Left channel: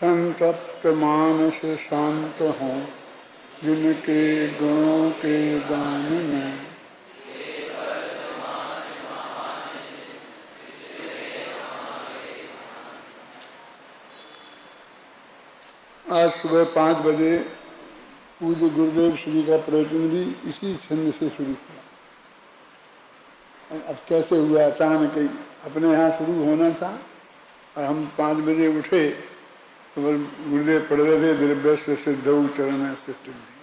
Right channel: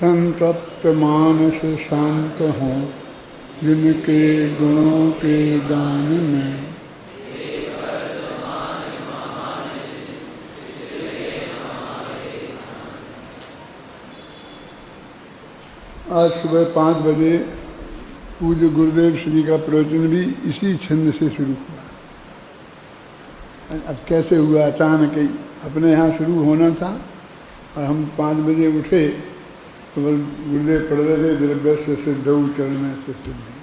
संतप्त मानस शांत हों जिनके गुणों के गान में। आज सुबह 5 बजे पूज्य गुरुदेव श्री का प्रवचन भी इसी छंद से शुरू हुआ। अब कैसे हुआ, अचानक ही अपने यहाँ शुरू होना था और हम 5 बजे उठे तो गुरुदेव पढ़ रहे थे द्रव्य सिद्धौ चरण से सिद्धि।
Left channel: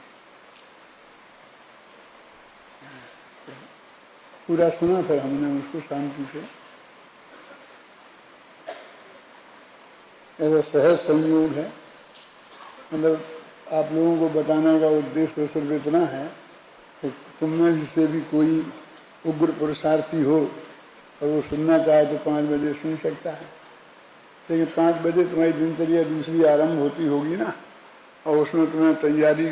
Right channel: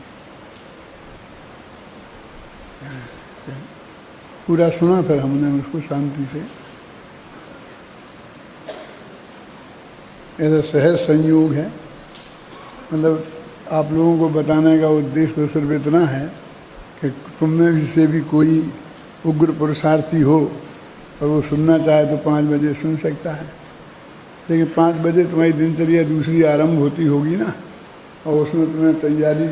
पूरा सुना फिर हमने उसको शांति से। ऐसा सहज संयोग है, मतलब आप लोगों को बताने का उद्देश्य तो सिर्फ इतना है कि तुम में से भी कोई उग्र पुरुषार्थी हो और वो सुनना चाहे तो 5 बजे सुन सकता है। लेकिन 5 बजे तुम्हारी दिनचर्या दूसरी आरंभ होती होगी ना, और उसमें तुम्हें तैयारी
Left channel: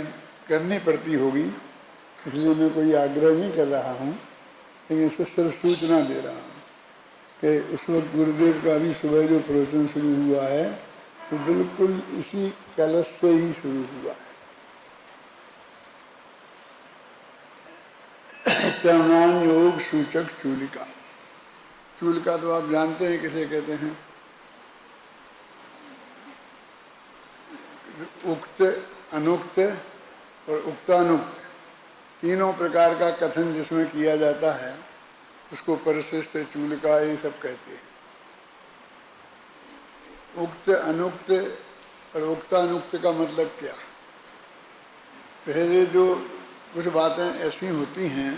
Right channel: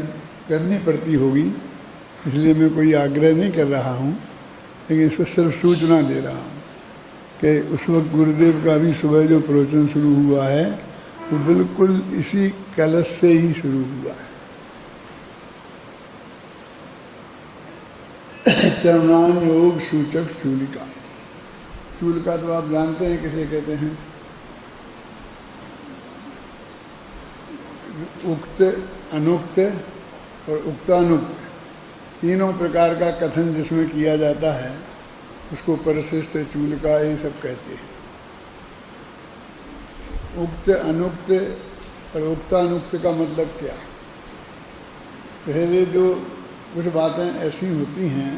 करनी पड़ती होगी, इसलिए मैं कोई आग्रह नहीं कर रहा हूँ, लेकिन इसको सिर्फ सूचना दे रहा हूँ कि उस वक्त गुरुदेव का भी सुबह जो प्रवचन शुरू हुआ है वो बिल्कुल इसी कलश से ही शुरू हुआ है। चरणान योग सूचक चूलिका। चूलिका तो आप जानते हैं किसे कहते हैं। उक्त, अनुक्त और उक्तानुक्त तीनों प्रकार का कथन जिसमें किया जाता है उसको परिशिष्ट, चूलिका ये सब कहते हैं। उक्त, अनुक्त और उक्तानुक्त का मतलब क्या? पहले जो कुछ बातें ऐसी होती हैं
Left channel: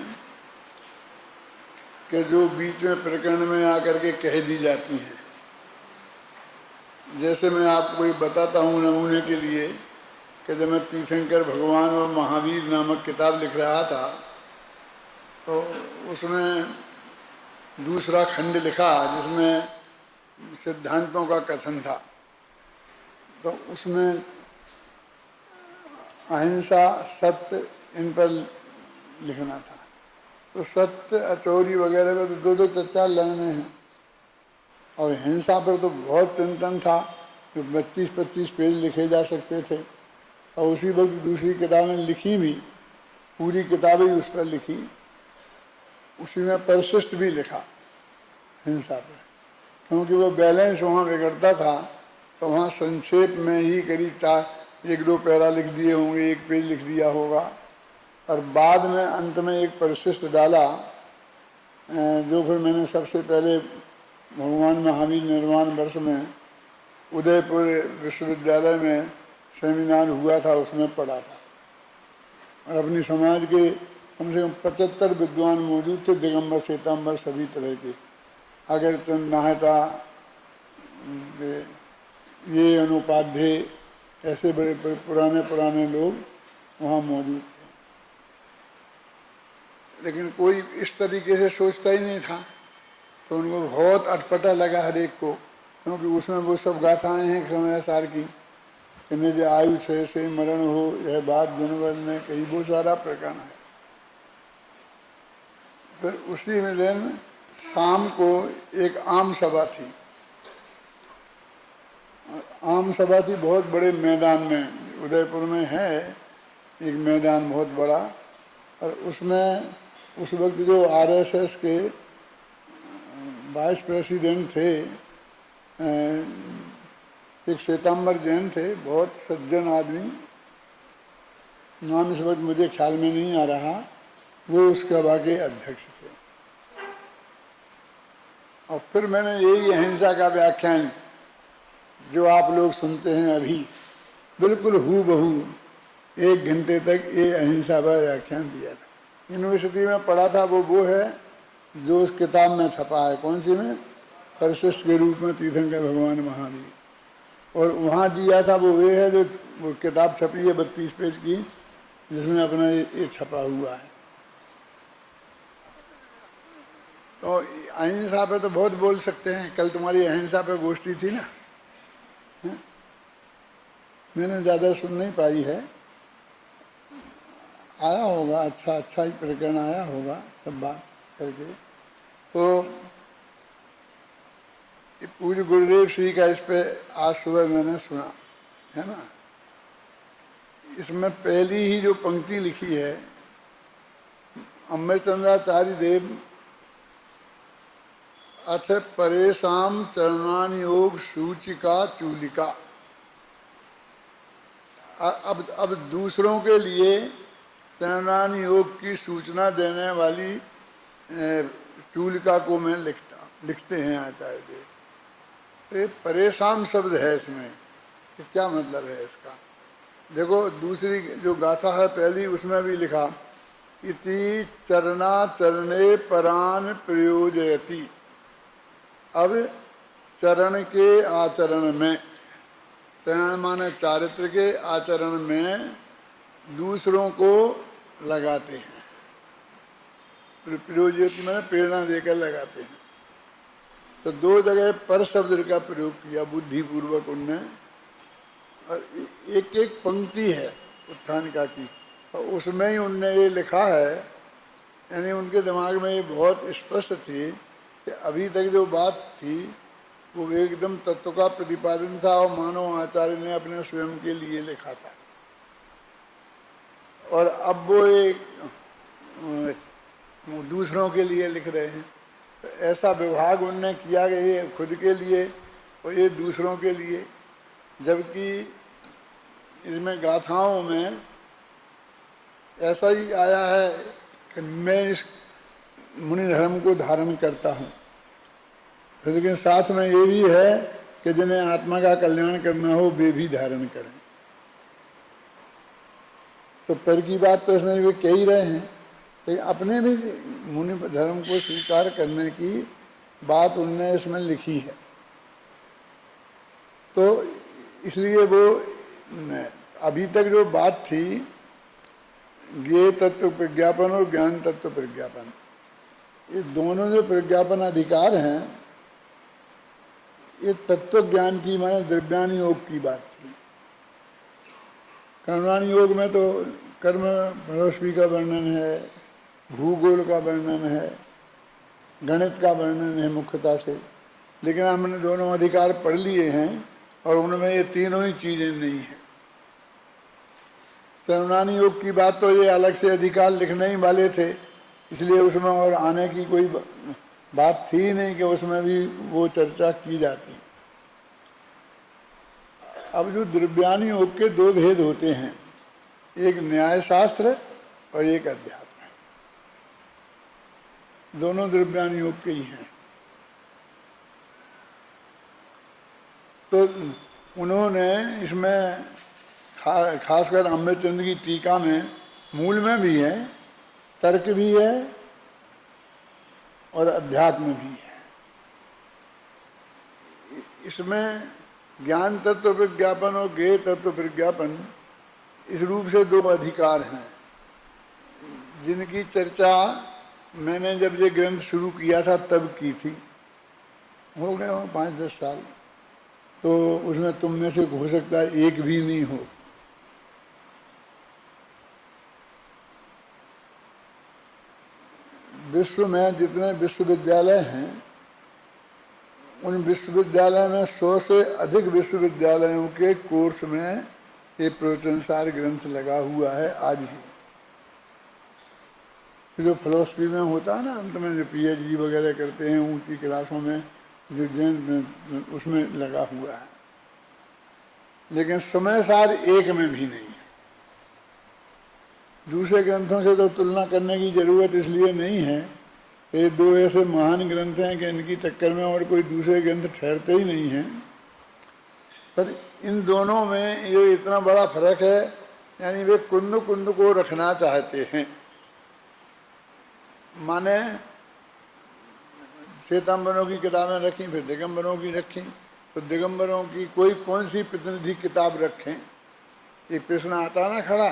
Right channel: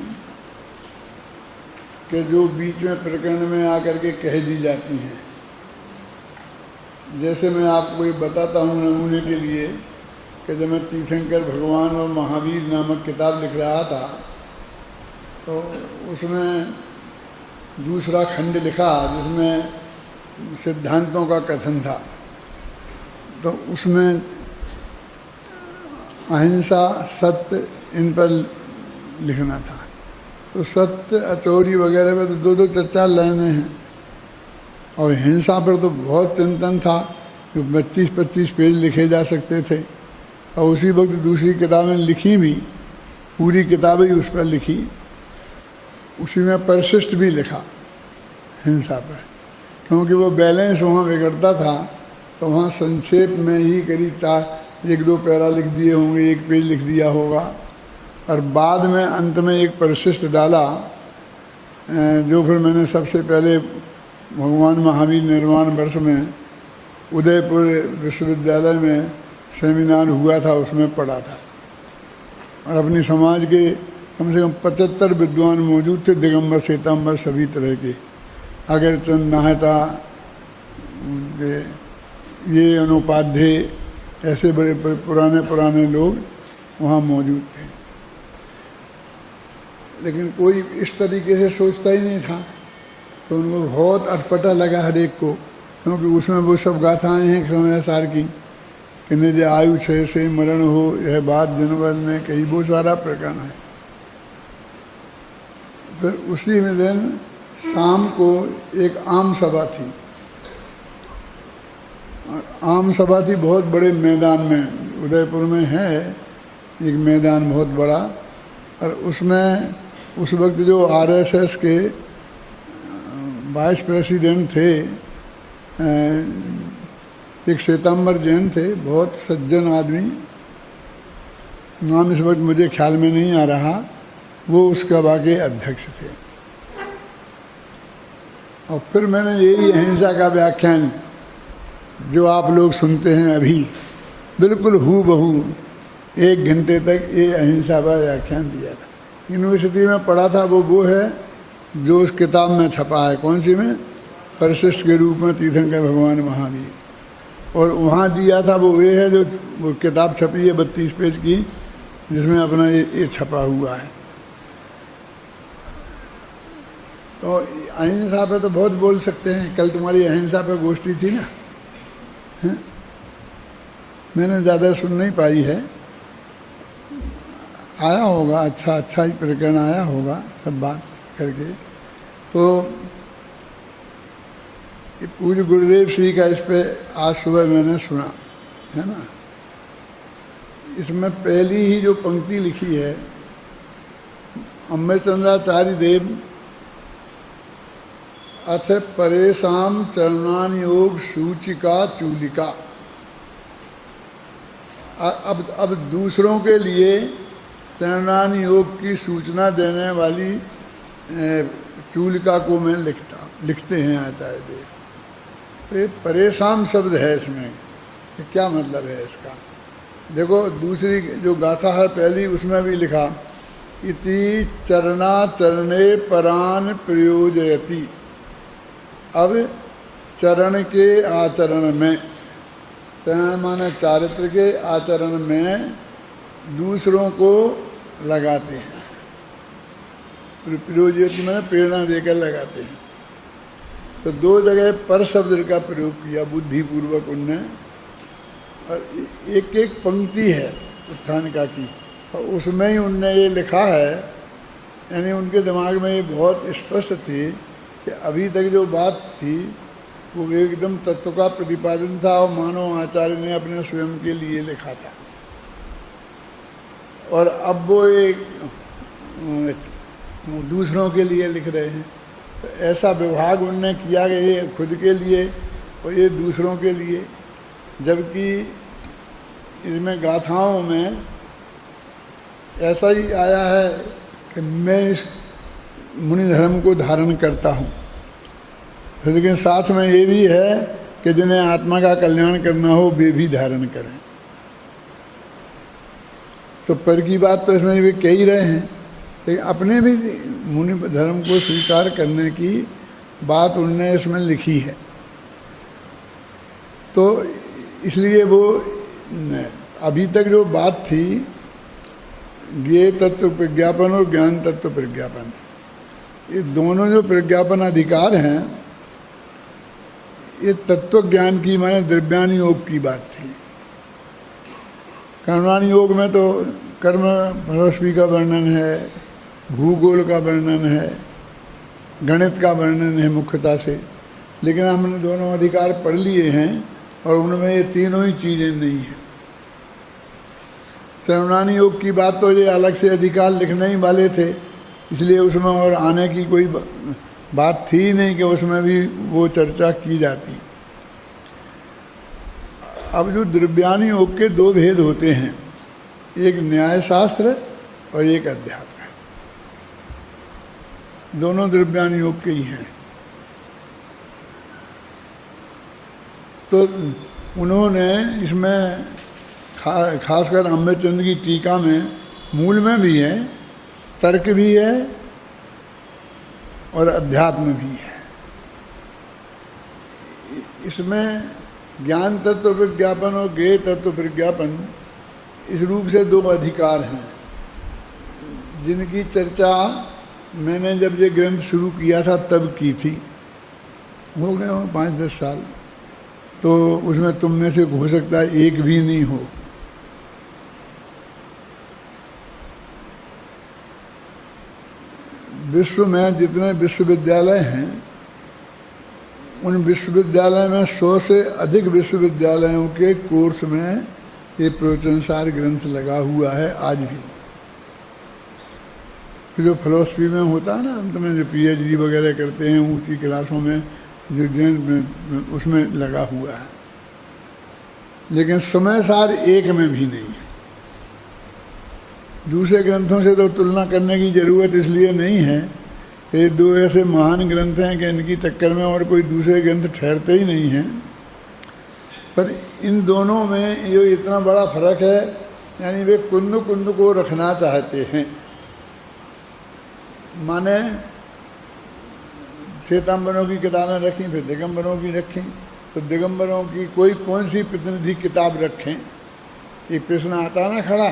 कि जो बीच में प्रकरण में आकर के कह दी जाती हैं। जैसे मैं आपको ये बताता हूँ नमूने के लिए कि जब मैं तीर्थंकर भगवान और महावीर नामक किताब लिख रहा था तो उसमें दूसरा खंड लिखा जिसमें सिद्धांतों का कथन था। तो उसमें अहिंसा, सत्य, इन पर लिखना था। तो सत्य, अचौरी वगैरह में तो 2-2 4-4 लाइनें हैं, और हिंसा पर तो बहुत चिंतन था, तो 25-25 पेज लिखे जा सकते थे। और उसी वक्त दूसरी किताबें लिखी भी, पूरी किताब ही उस पर लिखी। उसी में परिशिष्ट भी लिखा हिंसा पर, क्योंकि वो बैलेंस वहाँ बिगड़ता था। तो वहाँ संक्षेप में ही करीब 1-2 पैरा लिख दिए होंगे, 1 पेज लिख दिया होगा, और बाद में अंत में एक परिशिष्ट डाला जो फिर मैंने सबसे पहले भगवान महावीर निर्वाण वर्ष में उदयपुर विश्वविद्यालय में सेमिनार हुआ था उसमें पढ़ा था। और अपनी समाज के कम से कम 75 विद्वान मौजूद थे, दिगंबर श्वेतांबर सभी तरह के, अगरचंद, नाहटा, ये अनुपाध्याय, ऐसे बड़े पुराने लोग वहाँ मौजूद थे। लेकिन कोई इस तरीके से सोचता ही नहीं था, तो उनको बहुत अटपटा लगा हर एक को, क्योंकि उसमें वो सब गाथाएँ हैं समय सार की कि निज आयु 6 से मरण हो, यह बात जनवर ने कही, वो सारा प्रकरण है। फिर उसी में दिन शाम को एक आम सभा थी। आम सभा थी बहुत बड़े मैदान में, उदयपुर में है एक मैदान बहुत बड़ा, और उसमें उस वक्त जो आरएसएस के वाइस प्रेसिडेंट थे एक श्वेतांबर जैन थे, बहुत सज्जन आदमी, नाम इस वक्त मुझे ख्याल में नहीं आ रहा, वो उस सभा के अध्यक्ष थे। और फिर मैंने यही अहिंसा का व्याख्यान जो आप लोग सुनते हैं अभी, बिल्कुल हूबहू 1 घंटे तक ये अहिंसा का व्याख्यान दिया था। यूनिवर्सिटी में पढ़ा था वो है जो उस किताब में छपा है। कौन सी में? परिशिष्ट के रूप में तीर्थंकर भगवान महावीर। और वहाँ दिया था वो ये है जो वो किताब छपी है 32 पेज की, जिसमें अपना ये छपा हुआ है। तो अहिंसा पे तो बहुत बोल सकते हैं। कल तुम्हारी अहिंसा पे गोष्ठी थी ना, मैंने ज़्यादा सुन नहीं पाई है, आया होगा, अच्छा ही प्रकरण आया होगा सब बात करके। तो पूज्य गुरुदेव श्री का इस पे आज सुबह मैंने सुना है ना। इसमें पहली ही जो पंक्ति लिखी है, अमृतचंद्राचार्य देव अथ परेशान चरणान योग सूचिका चूलिका। अब दूसरों के लिए चरणान योग की सूचना देने वाली चूलिका को मैं लिखते हैं आचार्य देव। तो ये परेशान शब्द है इसमें, कि क्या मतलब है इसका। देखो दूसरी जो गाथा है पहली, उसमें भी लिखा इति चरणाचरणे परान प्रयोजयति। अब चरण के आचरण में, चरण माने चारित्र के आचरण में दूसरों को लगाते हैं। प्रयोजयति माने प्रेरणा देकर लगाते हैं। तो दो जगह पर शब्द का प्रयोग किया बुद्धिपूर्वक उनने, और एक एक पंक्ति है उत्थानिका की, और उसमें ही उनने ये लिखा है। यानी उनके दिमाग में ये बहुत स्पष्ट थी कि अभी तक जो बात थी वो एकदम तत्व का प्रतिपादन था, और मानव आचार्य ने अपने स्वयं के लिए लिखा था। और अब वो एक दूसरों के लिए लिख रहे हैं। तो ऐसा विभाग उनने किया कि ये खुद के लिए और ये दूसरों के लिए। जबकि इसमें गाथाओं में ऐसा ही आया है कि मैं इस मुनि धर्म को धारण करता हूँ, लेकिन साथ में ये भी है कि जिन्हें आत्मा का कल्याण करना हो वे भी धारण करें। तो पर की बात तो इसमें वे कह ही रहे हैं, लेकिन अपने भी मुनि धर्म को स्वीकार करने की बात उनने इसमें लिखी है। तो इसलिए वो अभी तक जो बात थी ज्ञेय तत्व प्रज्ञापन और ज्ञान तत्व प्रज्ञापन, ये दोनों जो प्रज्ञापन अधिकार हैं, ये तत्व ज्ञान की माने द्रव्यान योग की बात थी। कर्मान योग में तो कर्म फिलॉसफी का वर्णन है, भूगोल का वर्णन है, गणित का वर्णन है मुख्यतः से। लेकिन हमने दोनों अधिकार पढ़ लिए हैं और उनमें ये तीनों ही चीज़ें नहीं हैं। चरणानी योग की बात तो ये अलग से अधिकार लिखने ही वाले थे, इसलिए उसमें और आने की कोई बात थी ही नहीं कि उसमें भी वो चर्चा की जाती। अब जो द्रव्यान योग के दो भेद होते हैं, एक न्याय शास्त्र और एक अध्यात्म। दोनों द्रव्यान योग के ही हैं। तो उन्होंने इसमें खासकर अमृतचंद्र की टीका में मूल में भी है, तर्क भी है और अध्यात्म भी है। इसमें ज्ञान तत्व विज्ञापन और ज्ञेय तत्व विज्ञापन इस रूप से दो अधिकार हैं, जिनकी चर्चा मैंने जब ये ग्रंथ शुरू किया था तब की थी। हो गए हो 5-10 साल, तो उसमें तुम में से हो सकता है एक भी नहीं हो। विश्व में जितने विश्वविद्यालय हैं, उन विश्वविद्यालय में 100 से अधिक विश्वविद्यालयों के कोर्स में ये प्रवचनसार ग्रंथ लगा हुआ है आज भी। जो फिलॉसफी में होता है ना, अंत में जो PhD वगैरह करते हैं ऊंची क्लासों में, जो जैन उसमें लगा हुआ है। लेकिन समय सार एक में भी नहीं है। दूसरे ग्रंथों से तो तुलना करने की जरूरत इसलिए नहीं है, ये दो ऐसे महान ग्रंथ हैं कि इनकी टक्कर में और कोई दूसरे ग्रंथ ठहरते ही नहीं हैं। पर इन दोनों में जो इतना बड़ा फर्क है, यानी वे कुंद कुंद को रखना चाहते हैं। माने श्वेतांबरों की किताबें रखी, फिर दिगंबरों की रखी, तो दिगंबरों की कोई कौन सी प्रतिनिधि किताब रखें, ये प्रश्न आता ना खड़ा।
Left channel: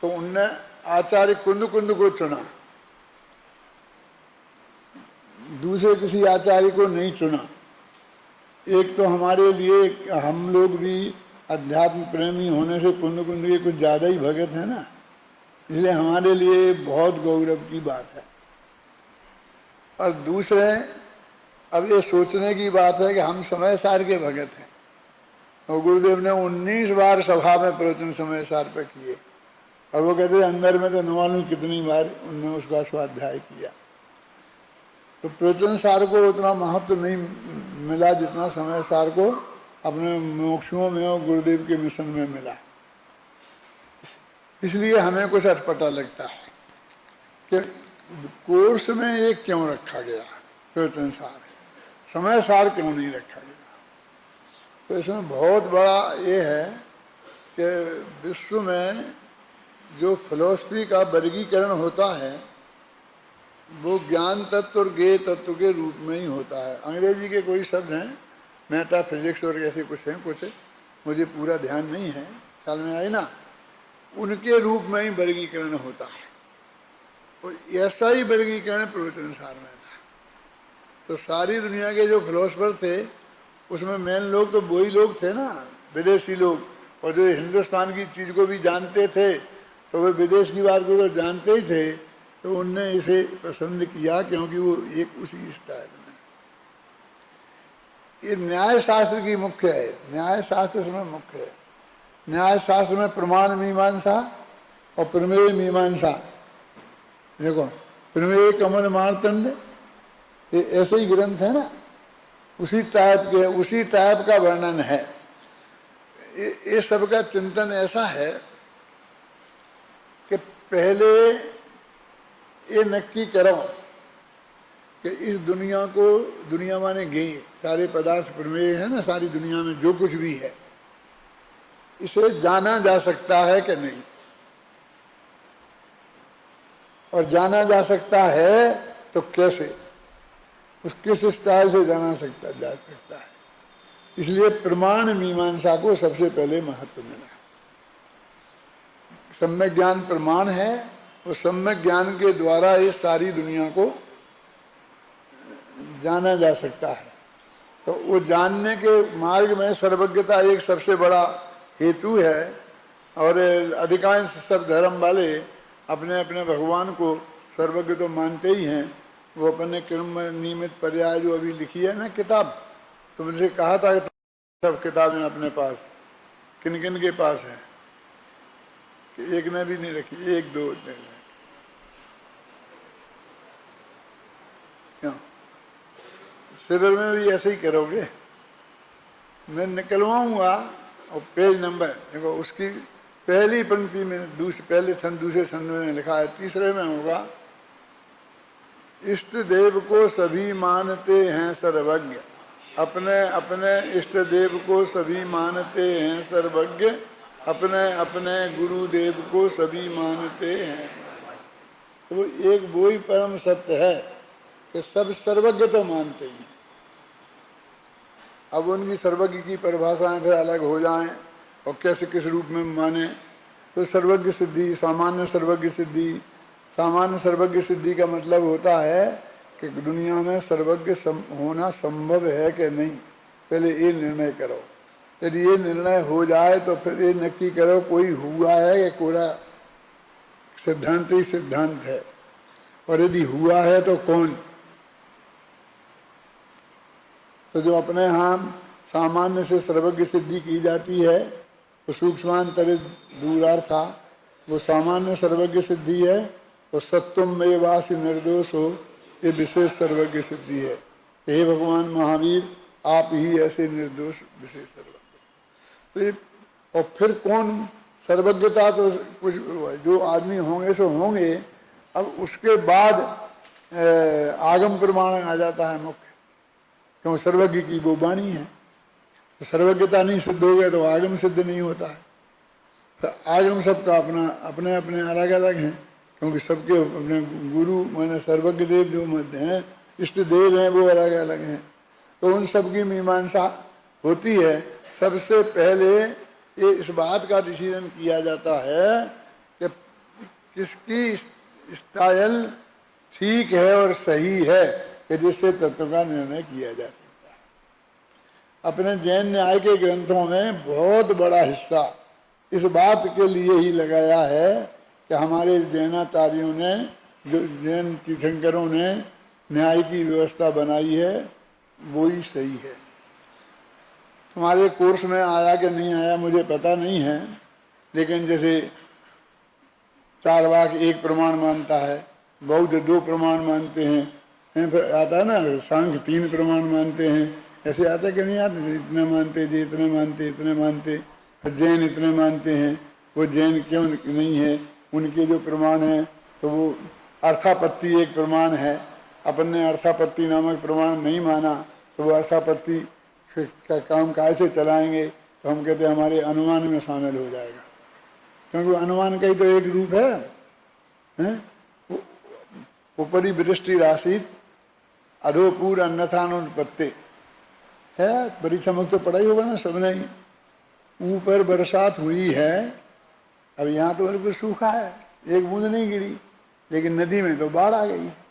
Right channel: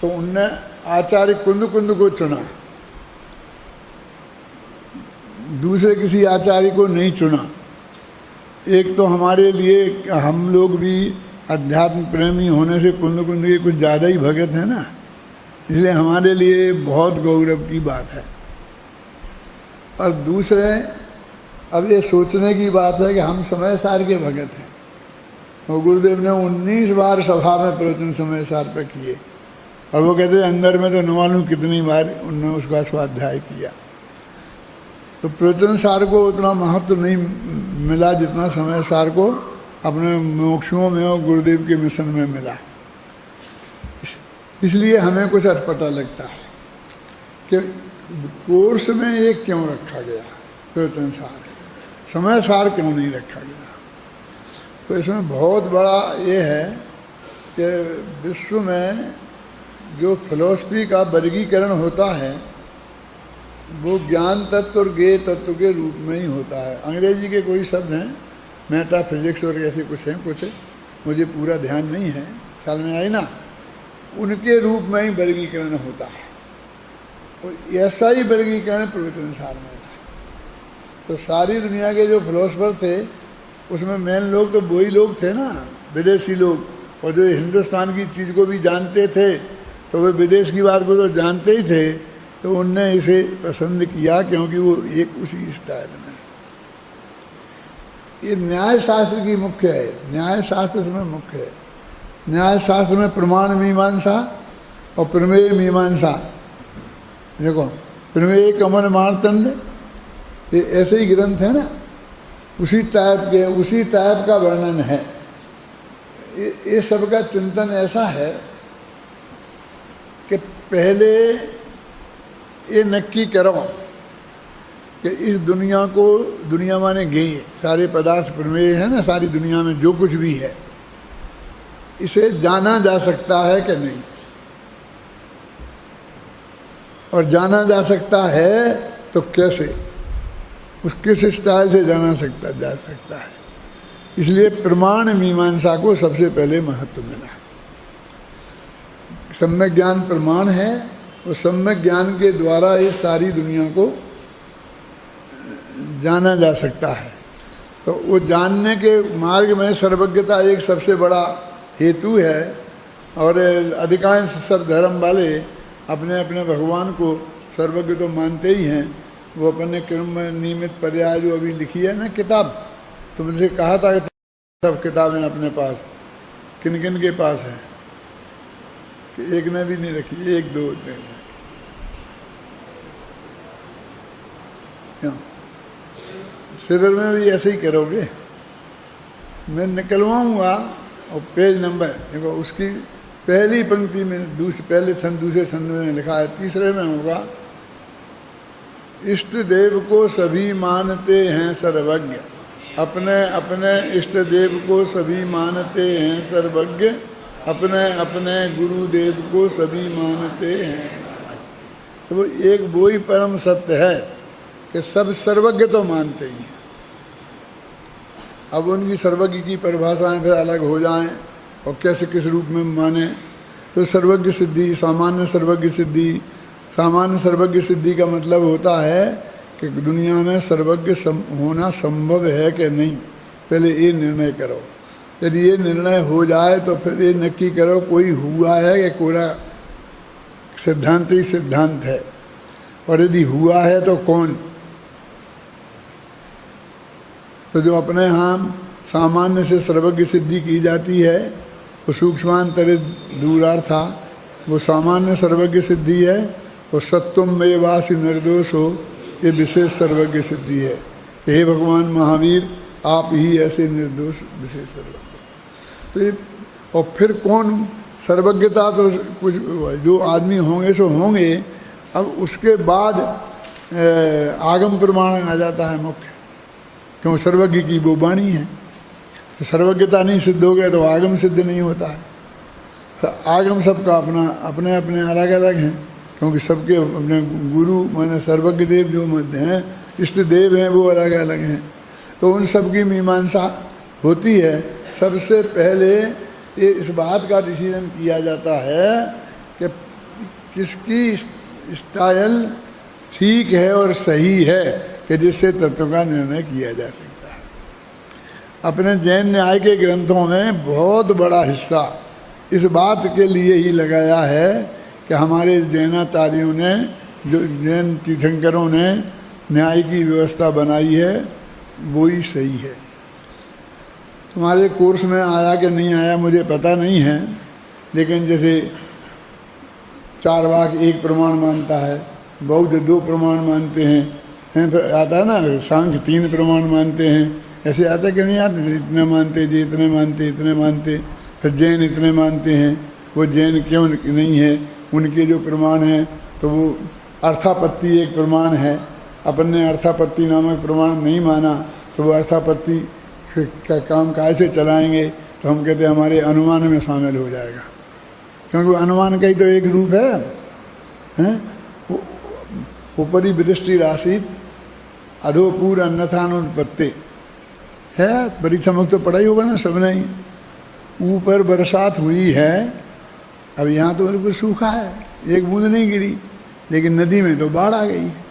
तो उनने आचार्य कुंद कुंद को चुना, दूसरे किसी आचार्य को नहीं चुना। एक तो हमारे लिए, हम लोग भी अध्यात्म प्रेमी होने से कुंद कुंद के कुछ ज़्यादा ही भगत है ना, इसलिए हमारे लिए बहुत गौरव की बात है। और दूसरे, अब ये सोचने की बात है कि हम समय सार के भगत हैं। और गुरुदेव ने 19 बार सभा में प्रवचन समय सार पर किए, और वो कहते अंदर में तो न मालूम कितनी बार उन्होंने उसका स्वाध्याय किया। तो प्रवचन सार को उतना महत्व नहीं मिला जितना समय सार को अपने मोक्षों में और गुरुदेव के मिशन में मिला। इसलिए हमें कुछ अटपटा लगता है कि कोर्स में ये क्यों रखा गया प्रवचन सार, समय सार क्यों नहीं रखा गया। तो इसमें बहुत बड़ा ये है कि विश्व में जो फिलॉसफी का वर्गीकरण होता है वो ज्ञान तत्व और ज्ञेय तत्व के रूप में ही होता है। अंग्रेजी के कोई शब्द हैं, मेटाफिजिक्स और ऐसे कुछ हैं, कुछ मुझे पूरा ध्यान नहीं है, ख्याल में आई ना, उनके रूप में ही वर्गीकरण होता है। और ऐसा ही वर्गीकरण प्रवचन सार में था। तो सारी दुनिया के जो फिलोसफर थे उसमें मेन लोग तो वही लोग थे ना, विदेशी लोग, और जो हिंदुस्तान की चीज़ को भी जानते थे तो वे विदेश की बात को तो जानते ही थे, तो उनने इसे पसंद किया क्योंकि वो एक उसी स्टाइल में। ये न्याय शास्त्र की मुख्य है, न्याय शास्त्र इसमें मुख्य है। न्याय शास्त्र में प्रमाण मीमांसा और प्रमेय मीमांसा, देखो प्रमेय कमल मारतंड, ये ऐसे ही ग्रंथ है ना, उसी टाइप का वर्णन है। ये सब का चिंतन ऐसा है कि पहले ये नक्की करो कि इस दुनिया को, दुनिया माने गेय, सारे पदार्थ प्रमेय है ना, सारी दुनिया में जो कुछ भी है इसे जाना जा सकता है कि नहीं, और जाना जा सकता है तो कैसे, उस किस स्टाइल से जाना जा सकता है। इसलिए प्रमाण मीमांसा को सबसे पहले महत्व मिला। सम्यक ज्ञान प्रमाण है, और सम्यक ज्ञान के द्वारा इस सारी दुनिया को जाना जा सकता है। तो वो जानने के मार्ग में सर्वज्ञता एक सबसे बड़ा हेतु है। और अधिकांश सब धर्म वाले अपने अपने भगवान को सर्वज्ञ तो मानते ही हैं। वो अपने क्रम नियमित पर्याय जो अभी लिखी है ना किताब, तो मुझे कहा था कि सब किताबें अपने पास किन किन के पास हैं, कि एक ने भी नहीं रखी, एक दो ने। क्यों शिविर में भी ऐसे ही करोगे? मैं निकलवाऊंगा और पेज नंबर देखो, उसकी पहली पंक्ति में पहले छंद दूसरे छंद में लिखा है, तीसरे में होगा इष्ट देव को सभी मानते हैं सर्वज्ञ, अपने अपने इष्ट देव को सभी मानते हैं सर्वज्ञ, अपने अपने गुरुदेव को सभी मानते हैं। तो एक वो ही परम सत्य है कि सब सर्वज्ञ तो मानते ही हैं। अब उनकी सर्वज्ञ की परिभाषाएं फिर अलग हो जाएं और कैसे किस रूप में माने। तो सर्वज्ञ सिद्धि, सामान्य सर्वज्ञ सिद्धि, सामान्य सर्वज्ञ सिद्धि का मतलब होता है कि दुनिया में सर्वज्ञ होना संभव है कि नहीं, पहले ये निर्णय करो। यदि ये निर्णय हो जाए तो फिर ये नक्की करो कोई हुआ है कि पूरा सिद्धांत ही सिद्धांत है, और यदि हुआ है तो कौन। तो जो अपने यहाँ सामान्य से सर्वज्ञ सिद्धि की जाती है वो सूक्ष्मांतरित दूरार्था, वो सामान्य सर्वज्ञ सिद्धि है। वो सत्वम में वासी निर्दोष हो, ये विशेष सर्वज्ञ सिद्धि है। हे भगवान महावीर, आप ही ऐसे निर्दोष विशेष सर्वज्ञ। तो ये और फिर कौन सर्वज्ञता, तो कुछ जो आदमी होंगे सो होंगे। अब उसके बाद आगम प्रमाण आ जाता है मुख्य, क्यों सर्वज्ञ की वो वाणी है। तो सर्वज्ञता नहीं सिद्ध हो गया तो आगम सिद्ध नहीं होता है। तो आगम सबका अपना अपने अपने अलग अलग हैं, क्योंकि सबके अपने गुरु माने सर्वज्ञ देव जो मध्य हैं, इष्ट देव हैं, वो अलग अलग हैं। तो उन सब की मीमांसा होती है। सबसे पहले ये इस बात का डिसीजन किया जाता है कि किसकी स्टाइल ठीक है और सही है कि जिससे तत्व का निर्णय किया जा सकता है। अपने जैन न्याय के ग्रंथों में बहुत बड़ा हिस्सा इस बात के लिए ही लगाया है कि हमारे जैनाचार्यों ने, जो जैन तीर्थंकरों ने न्याय की व्यवस्था बनाई है वो ही सही है। तुम्हारे कोर्स में आया कि नहीं आया मुझे पता नहीं है, लेकिन जैसे चारवाक एक प्रमाण मानता है, बौद्ध 2 प्रमाण मानते हैं, फिर आता है ना सांख्य 3 प्रमाण मानते हैं, ऐसे आता कि नहीं आते, इतने मानते जी, इतने मानते, इतने मानते, फिर जैन इतने मानते हैं। वो जैन क्यों नहीं है, उनके जो प्रमाण हैं तो वो अर्थापत्ति एक प्रमाण है, अपन ने अर्थापत्ति नामक प्रमाण नहीं माना, तो वो अर्थापत्ति का काम कैसे चलाएंगे, तो हम कहते हैं हमारे अनुमान में शामिल हो जाएगा, क्योंकि अनुमान का ही तो एक रूप है? ऊपरी वृष्टि राशि अधोपूर अन्यथानुत्पत्ति है, परीक्षा मुक्त तो पढ़ा ही होगा ना सबने ही। ऊपर बरसात हुई है, अब यहाँ तो बिल्कुल सूखा है, एक बूंद नहीं गिरी, लेकिन नदी में तो बाढ़ आ गई है।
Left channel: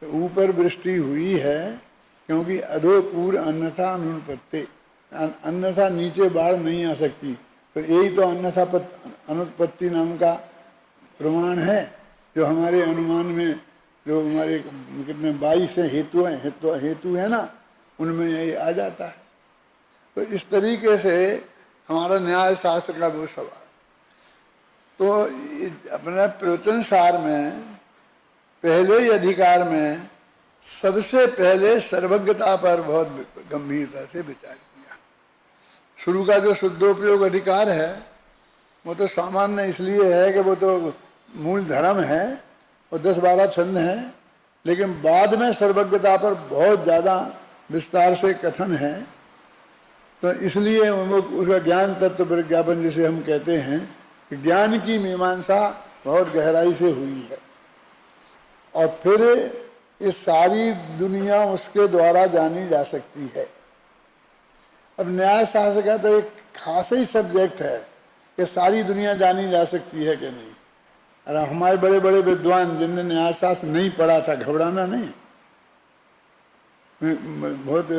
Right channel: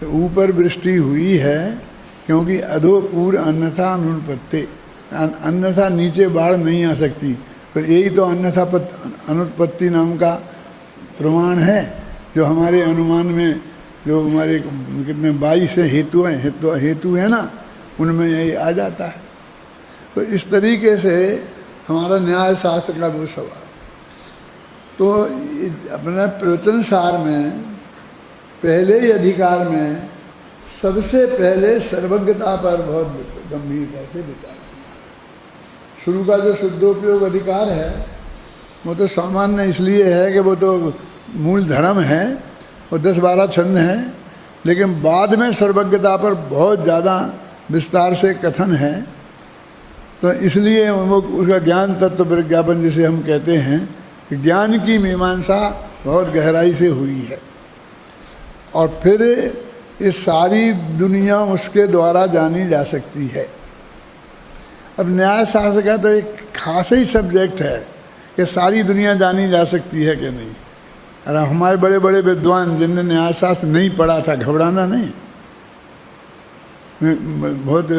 तो ऊपर वृष्टि हुई है क्योंकि अधोपूर अन्यथा अनुत्पत्ति, अन्यथा नीचे बाढ़ नहीं आ सकती, तो यही तो अन्यथा अनुत्पत्ति नाम का प्रमाण है, जो हमारे अनुमान में जो हमारे कितने 22 हेतु हैं, हेतु है ना, उनमें यही आ जाता है। तो इस तरीके से हमारा न्याय शास्त्र का वो सवाल। तो अपने प्रवचन सार में पहले ही अधिकार में सबसे पहले सर्वज्ञता पर बहुत गंभीरता से विचार किया। शुरू का जो शुद्धोपयोग अधिकार है वो तो सामान्य इसलिए है कि वो तो मूल धर्म है, वो 10-12 छंद हैं, लेकिन बाद में सर्वज्ञता पर बहुत ज़्यादा विस्तार से कथन है। तो इसलिए वो उसका ज्ञान तत्व विज्ञापन जिसे हम कहते हैं कि ज्ञान की मीमांसा बहुत गहराई से हुई है, और फिर इस सारी दुनिया उसके द्वारा जानी जा सकती है। अब न्याय शास्त्र का तो एक खास ही सब्जेक्ट है कि सारी दुनिया जानी जा सकती है कि नहीं। अरे हमारे बड़े बड़े विद्वान जिनने न्याय शास्त्र नहीं पढ़ा था, घबराना नहीं, मैं बहुत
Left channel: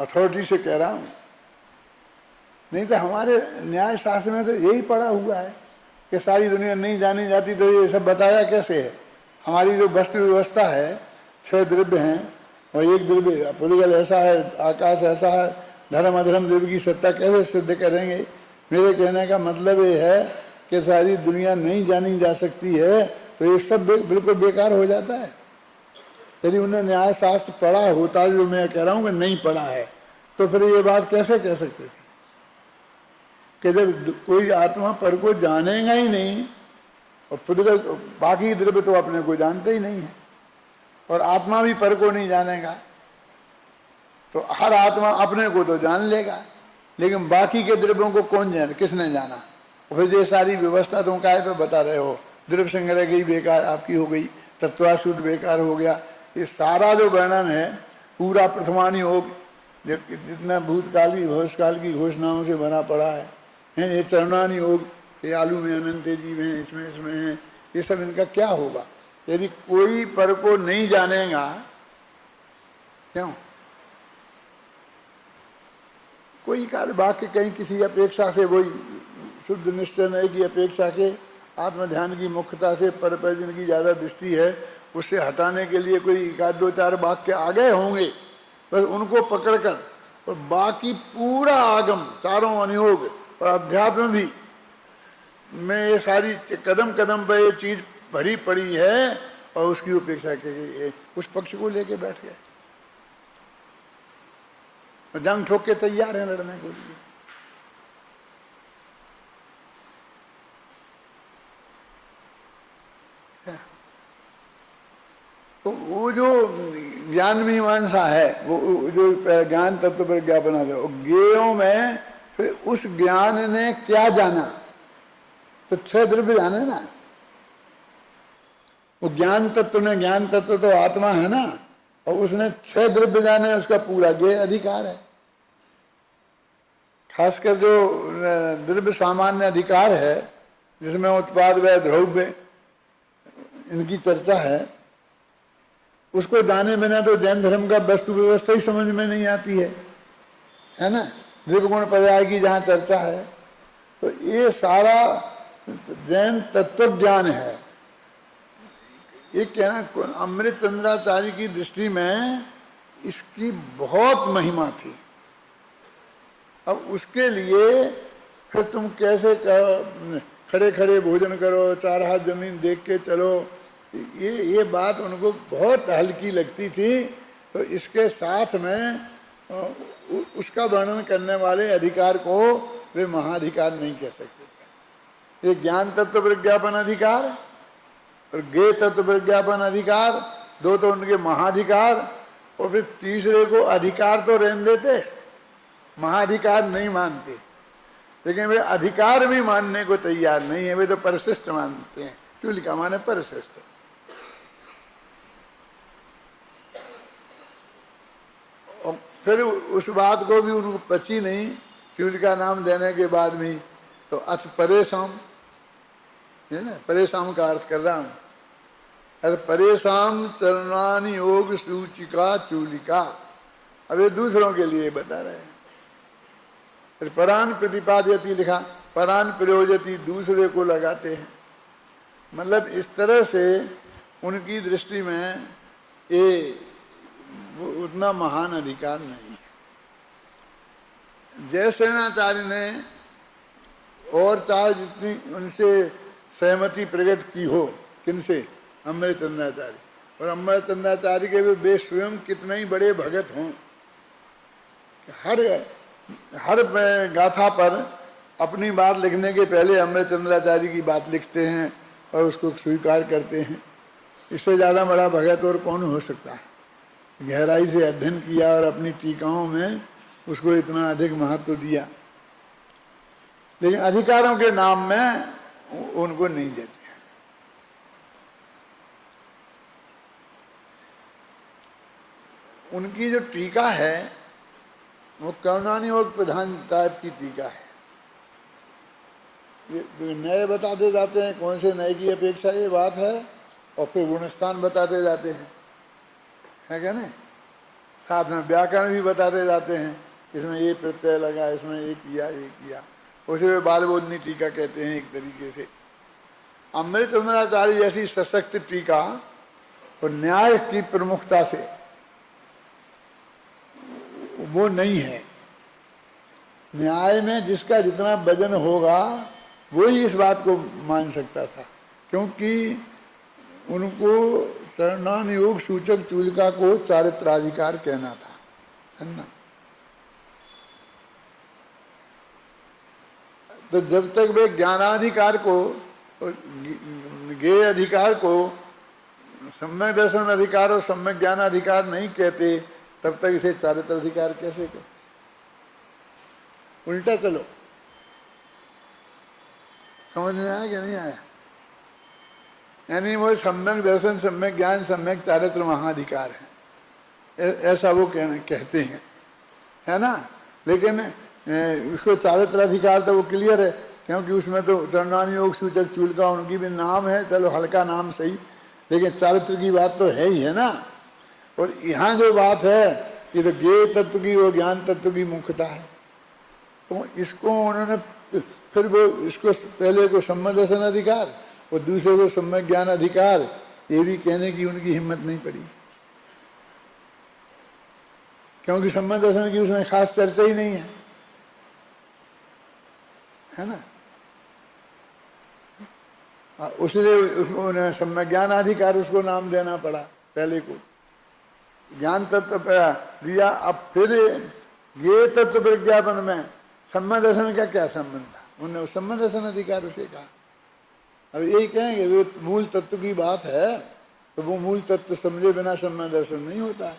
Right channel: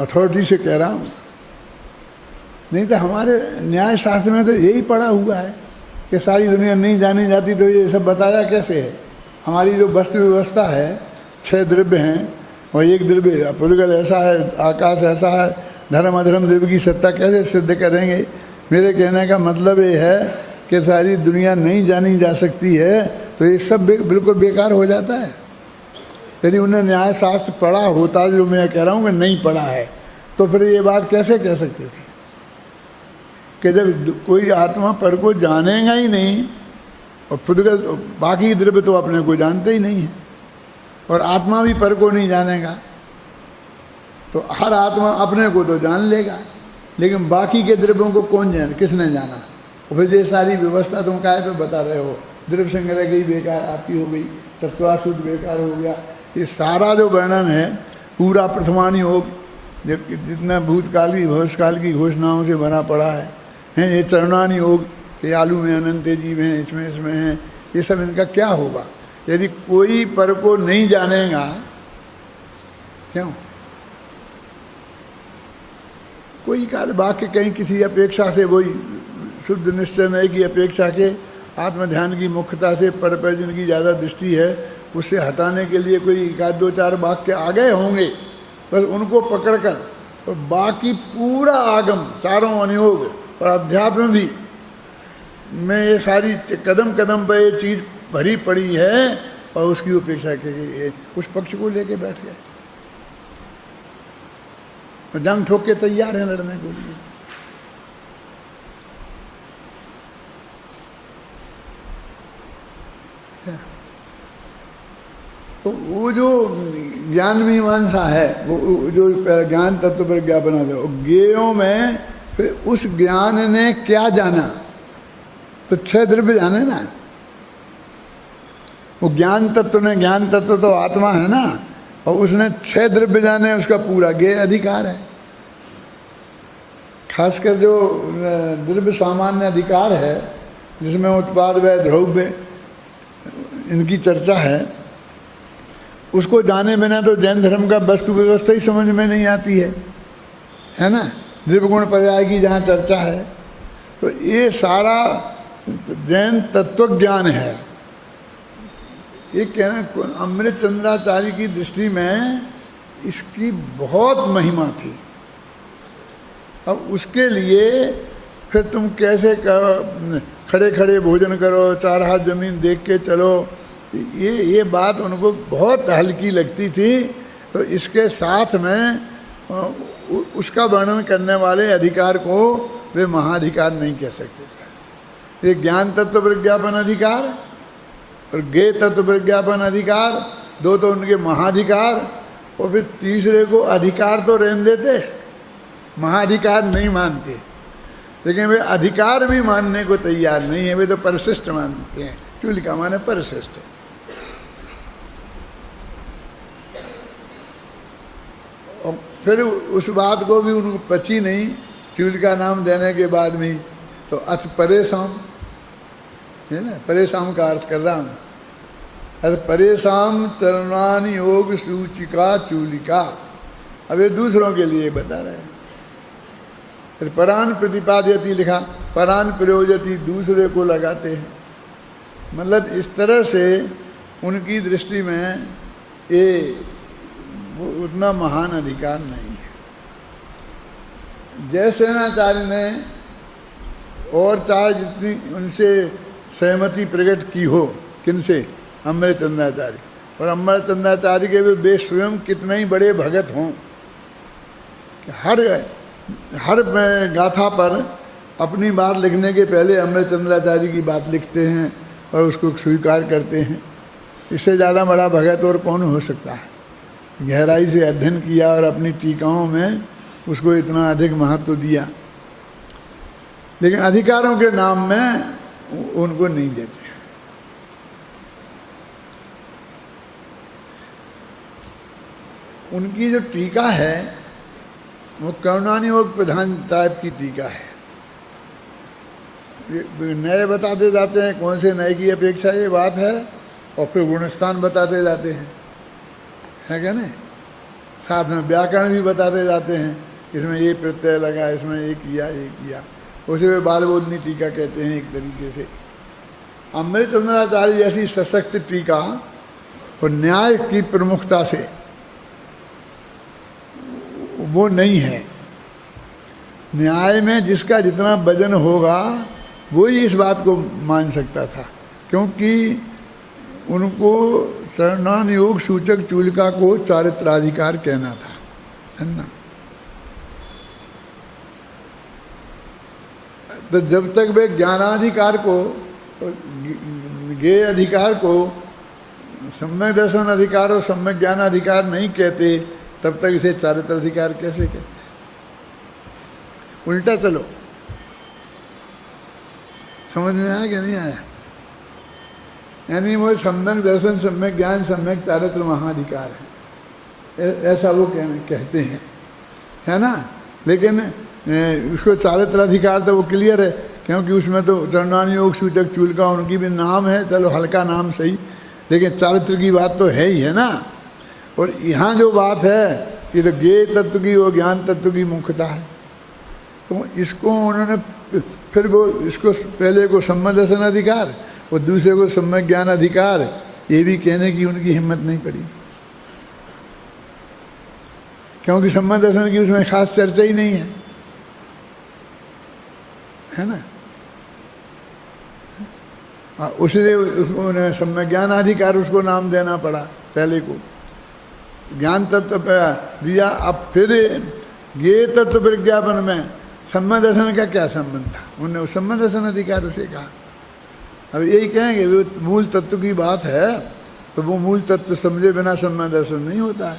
अथॉरिटी से कह रहा हूँ, नहीं तो हमारे न्याय शास्त्र में तो यही पढ़ा हुआ है कि सारी दुनिया नहीं जानी जाती, तो ये सब बताया कैसे है। हमारी जो वस्तु व्यवस्था है, 6 द्रव्य हैं और एक द्रव्य पुद्गल ऐसा है, आकाश ऐसा है, धर्म अधर्म द्रव्य की सत्ता कैसे सिद्ध करेंगे। मेरे कहने का मतलब ये है कि सारी दुनिया नहीं जानी जा सकती है, तो ये सब बिल्कुल बेकार हो जाता है। यदि उन्हें न्याय शास्त्र पढ़ा होता, जो मैं कह रहा हूँ कि नहीं पढ़ा है, तो फिर ये बात कैसे कह सकते थे कि जब कोई आत्मा पर को जानेगा ही नहीं, और पुद्गल बाकी द्रव्य तो अपने को जानते ही नहीं है, और आत्मा भी पर को नहीं जानेगा, तो हर आत्मा अपने को तो जान लेगा, लेकिन बाकी के द्रव्यों को कौन जाने, किसने जाना। और फिर ये सारी व्यवस्था तुम काहे पे बता रहे हो, द्रव्य संग्रह गई बेकार आपकी हो गई, तत्वाशुद्ध बेकार हो गया। ये सारा जो वर्णन है पूरा प्रथमानी योग, जितना भूतकाल की भविष्यकाल की घोषणाओं से भरा पड़ा है, ये चरणानी योग, ये आलू में अनंत जीव हैं, इसमें हैं, ये सब इनका क्या होगा यदि कोई पर को नहीं जानेगा। क्यों कोई काल वाक्य कहीं किसी अपेक्षा से, वही शुद्ध निश्चय नहीं की अपेक्षा के आत्मध्यान की मुख्यता से पर जिनकी ज़्यादा दृष्टि है, उससे हटाने के लिए कोई 1-2-4 वाक्य आ गए होंगे, बस उनको पकड़कर, और बाकी पूरा आगम, चारों अनुयोग और अध्यात्म भी में ये सारी कदम कदम पर ये चीज़ भरी पड़ी है, और उसकी उपेक्षा के उस पक्ष को लेके बैठ गए, जंग ठोक के तैयार हैं लड़ने के लिए। तो वो जो ज्ञान मीमांसा है, वो जो ज्ञान तत्व पर ज्ञापन है, ज्ञेयों में फिर उस ज्ञान ने क्या जाना, तो 6 द्रव्य जाने ना। वो ज्ञान तत्व ने, ज्ञान तत्व तो आत्मा है ना, और उसने 6 द्रव्य जाने, उसका पूरा ज्ञेय अधिकार है। खासकर जो द्रव्य सामान्य अधिकार है, जिसमें उत्पाद व द्रव्य इनकी चर्चा है, उसको जाने बिना तो जैन धर्म का वस्तु व्यवस्था ही समझ में नहीं आती है ना। द्रव्य गुण पर्याय की जहाँ चर्चा है, तो ये सारा जैन तत्व ज्ञान है। ये कहना अमृत चंद्राचार्य की दृष्टि में इसकी बहुत महिमा थी, अब उसके लिए फिर तुम कैसे खड़े खड़े भोजन करो, 4 हाथ जमीन देख के चलो, ये बात उनको बहुत हल्की लगती थी। तो इसके साथ में उसका वर्णन करने वाले अधिकार को वे महाधिकार नहीं कह सकते थे। ये ज्ञान तत्व प्रज्ञापन अधिकार और ज्ञेय तत्व प्रज्ञापन अधिकार, दो तो उनके महाधिकार, और फिर तीसरे को अधिकार तो रहने देते, महाधिकार नहीं मानते, लेकिन वे अधिकार भी मानने को तैयार नहीं है, वे तो परिशिष्ट मानते हैं। चूलिका माने परिशिष्ट। और फिर उस बात को भी उनको पची नहीं, चूलिका नाम देने के बाद भी। तो अथ परेशान है ना, परेशान का अर्थ कर रहा हूँ। अरे परेशान चरणानि योग सूचिका चूलिका, अब ये दूसरों के लिए बता रहे हैं। परान प्रतिपादयति लिखा, परान प्रयोजति, दूसरे को लगाते हैं। मतलब इस तरह से उनकी दृष्टि में ये उतना महान अधिकार नहीं है। जयसेनाचार्य ने और चाहे जितनी उनसे सहमति प्रकट की हो, किनसे? अमृतचंद्राचार्य। और अमृतचंद्राचार्य के भी वे स्वयं कितने ही बड़े भगत हों, हर गाथा पर अपनी बात लिखने के पहले अमृतचंद्राचार्य की बात लिखते हैं और उसको स्वीकार करते हैं। इससे ज़्यादा बड़ा भगत और कौन हो सकता है? गहराई से अध्ययन किया और अपनी टीकाओं में उसको इतना अधिक महत्व दिया, लेकिन अधिकारों के नाम में उनको नहीं देते। उनकी जो टीका है वो करुणानि योग प्रधान टाइप की टीका है। नए बताते जाते हैं, कौन से नए की अपेक्षा ये बात है, और फिर गुणस्थान बताते जाते हैं, है क्या नहीं? साथ में व्याकरण भी बताते जाते हैं, इसमें ये प्रत्यय लगा, इसमें ये किया। उसे वे बालबोधनी टीका कहते हैं एक तरीके से। अमृतचंद्राचार्य जैसी सशक्त टीका और न्याय की प्रमुखता से वो नहीं है। न्याय में जिसका जितना वजन होगा वही इस बात को मान सकता था, क्योंकि उनको चरणान योग सूचक चूलिका को चारित्राधिकार कहना था, समझना। तो जब तक वे ज्ञानाधिकार को, ज्ञेय अधिकार को सम्यक दर्शन अधिकार और सम्यक ज्ञान अधिकार नहीं कहते, तब तक इसे चारित्र अधिकार कैसे कहते? उल्टा चलो, समझ में आया कि नहीं आया? यानी वो सम्यक दर्शन, सम्यक ज्ञान, सम्यक चारित्र महाधिकार है, ऐसा वो कहते हैं, है ना। लेकिन उसको चारित्र अधिकार तो वो क्लियर है, क्योंकि उसमें तो चरणानि योग सूचक चूलिका उनकी भी नाम है, चलो हल्का नाम सही, लेकिन चारित्र की बात तो है ही, है ना। और यहाँ जो बात है कि तो ज्ञेय तत्व की वो ज्ञान तत्व की मुख्यता है, तो इसको उन्होंने फिर वो इसको पहले को सम्यक दर्शन अधिकार और दूसरे को सम्यक ज्ञान अधिकार, ये भी कहने की उनकी हिम्मत नहीं पड़ी, क्योंकि सम्यक दर्शन की उसमें खास चर्चा ही नहीं है ना। उसलिए उन्हें सम्यक ज्ञान अधिकार उसको नाम देना पड़ा, पहले को ज्ञान तत्व दिया। अब फिर ये तत्व प्रज्ञापन में सम्यक दर्शन का क्या संबंध था? उन्होंने सम्यक दर्शन अधिकार उसे कहा। अब यही कहेंगे वो मूल तत्व की बात है, तो वो मूल तत्व समझे बिना सम्यक दर्शन नहीं होता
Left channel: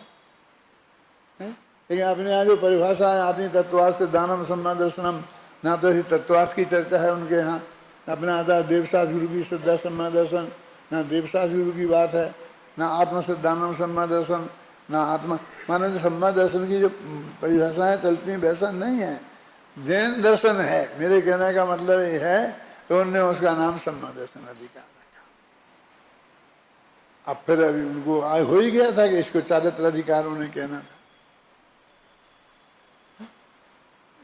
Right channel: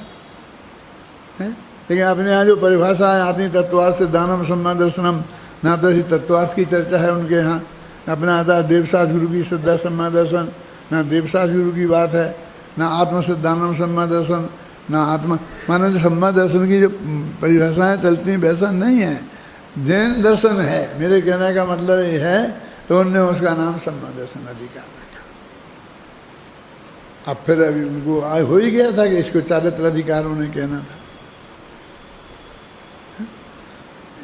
है? लेकिन अपने यहाँ जो परिभाषाएं आती, तत्वार्थ सिद्धानम सम्यक दर्शनम, ना तो ऐसी तत्वार्थ की चर्चा है उनके यहाँ। अपना आता देवसास गुरु की श्रद्धा सम्यक दर्शन, ना देवसास गुरु की बात है, ना आत्म सिद्धानम सम्यक दर्शन, ना आत्मा माने जो सम्यक दर्शन की जो परिभाषाएं चलती हैं वैसा नहीं है, जैन दर्शन है। मेरे कहने का मतलब ये है, तो उन्होंने उसका नाम सम्यक दर्शन अधिकार रखा। अब फिर अभी उनको हो ही गया था कि इसको चारित्र अधिकार उन्हें कहना था।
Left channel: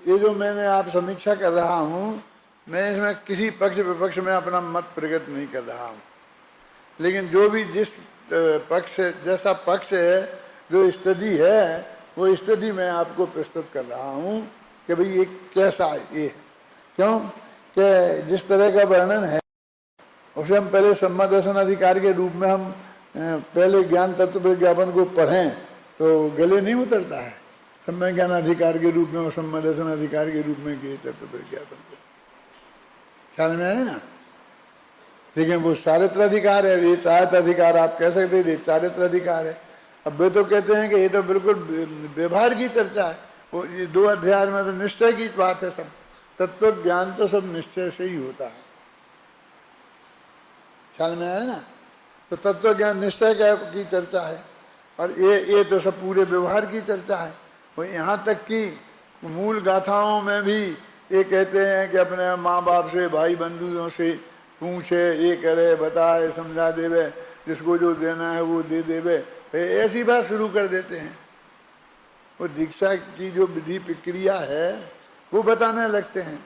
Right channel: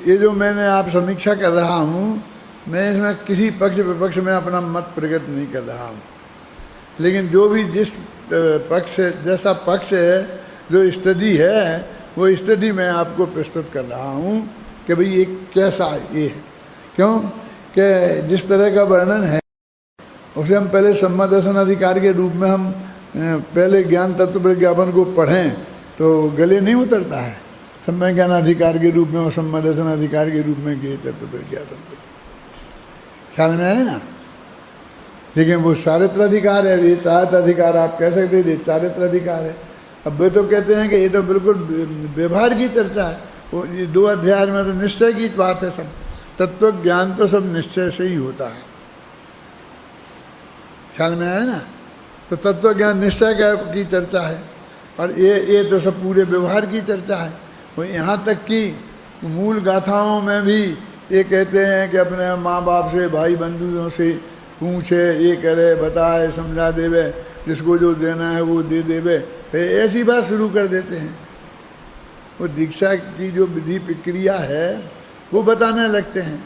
ये जो मैंने आप समीक्षा कर रहा हूँ, मैं इसमें किसी पक्ष विपक्ष में अपना मत प्रकट नहीं कर रहा हूँ, लेकिन जो भी जिस पक्ष जैसा पक्ष है, जो स्टडी है, वो स्टडी मैं आपको प्रस्तुत कर रहा हूँ। कि भाई ये कैसा ये है। क्यों कि जिस तरह का वर्णन है उसे हम पहले सम्यक दर्शन अधिकार के रूप में हम पहले ज्ञान तत्व प्रज्ञापन को पढ़ें तो गले नहीं उतरता है। सम्यक ज्ञान अधिकार के रूप में और सम्यक दर्शन अधिकार के रूप में किए तत्व प्रज्ञापन को, ख्याल में आए ना। लेकिन वो चारित्र अधिकार है, ये चारित्र अधिकार आप कह सकते हैं, ये चारित्र अधिकार है। अब वे तो कहते हैं कि ये तो बिल्कुल व्यवहार की चर्चा है, वो ये 2 अध्याय में तो निश्चय की बात है। सब तत्व ज्ञान तो सब निश्चय से ही होता है, ख्याल में आया ना। तो तत्व ज्ञान निश्चय की चर्चा है और ये तो सब पूरे व्यवहार की चर्चा है। वो यहाँ तक कि मूल गाथाओं में भी ये कहते हैं कि अपने माँ बाप से भाई बंधुओं से पूछे, ये करे बताए समझा देवे, जिसको जो देना है वो दे देवे, ऐसी बात शुरू कर देते हैं। वो दीक्षा की जो विधि प्रक्रिया है वो बताने लगते हैं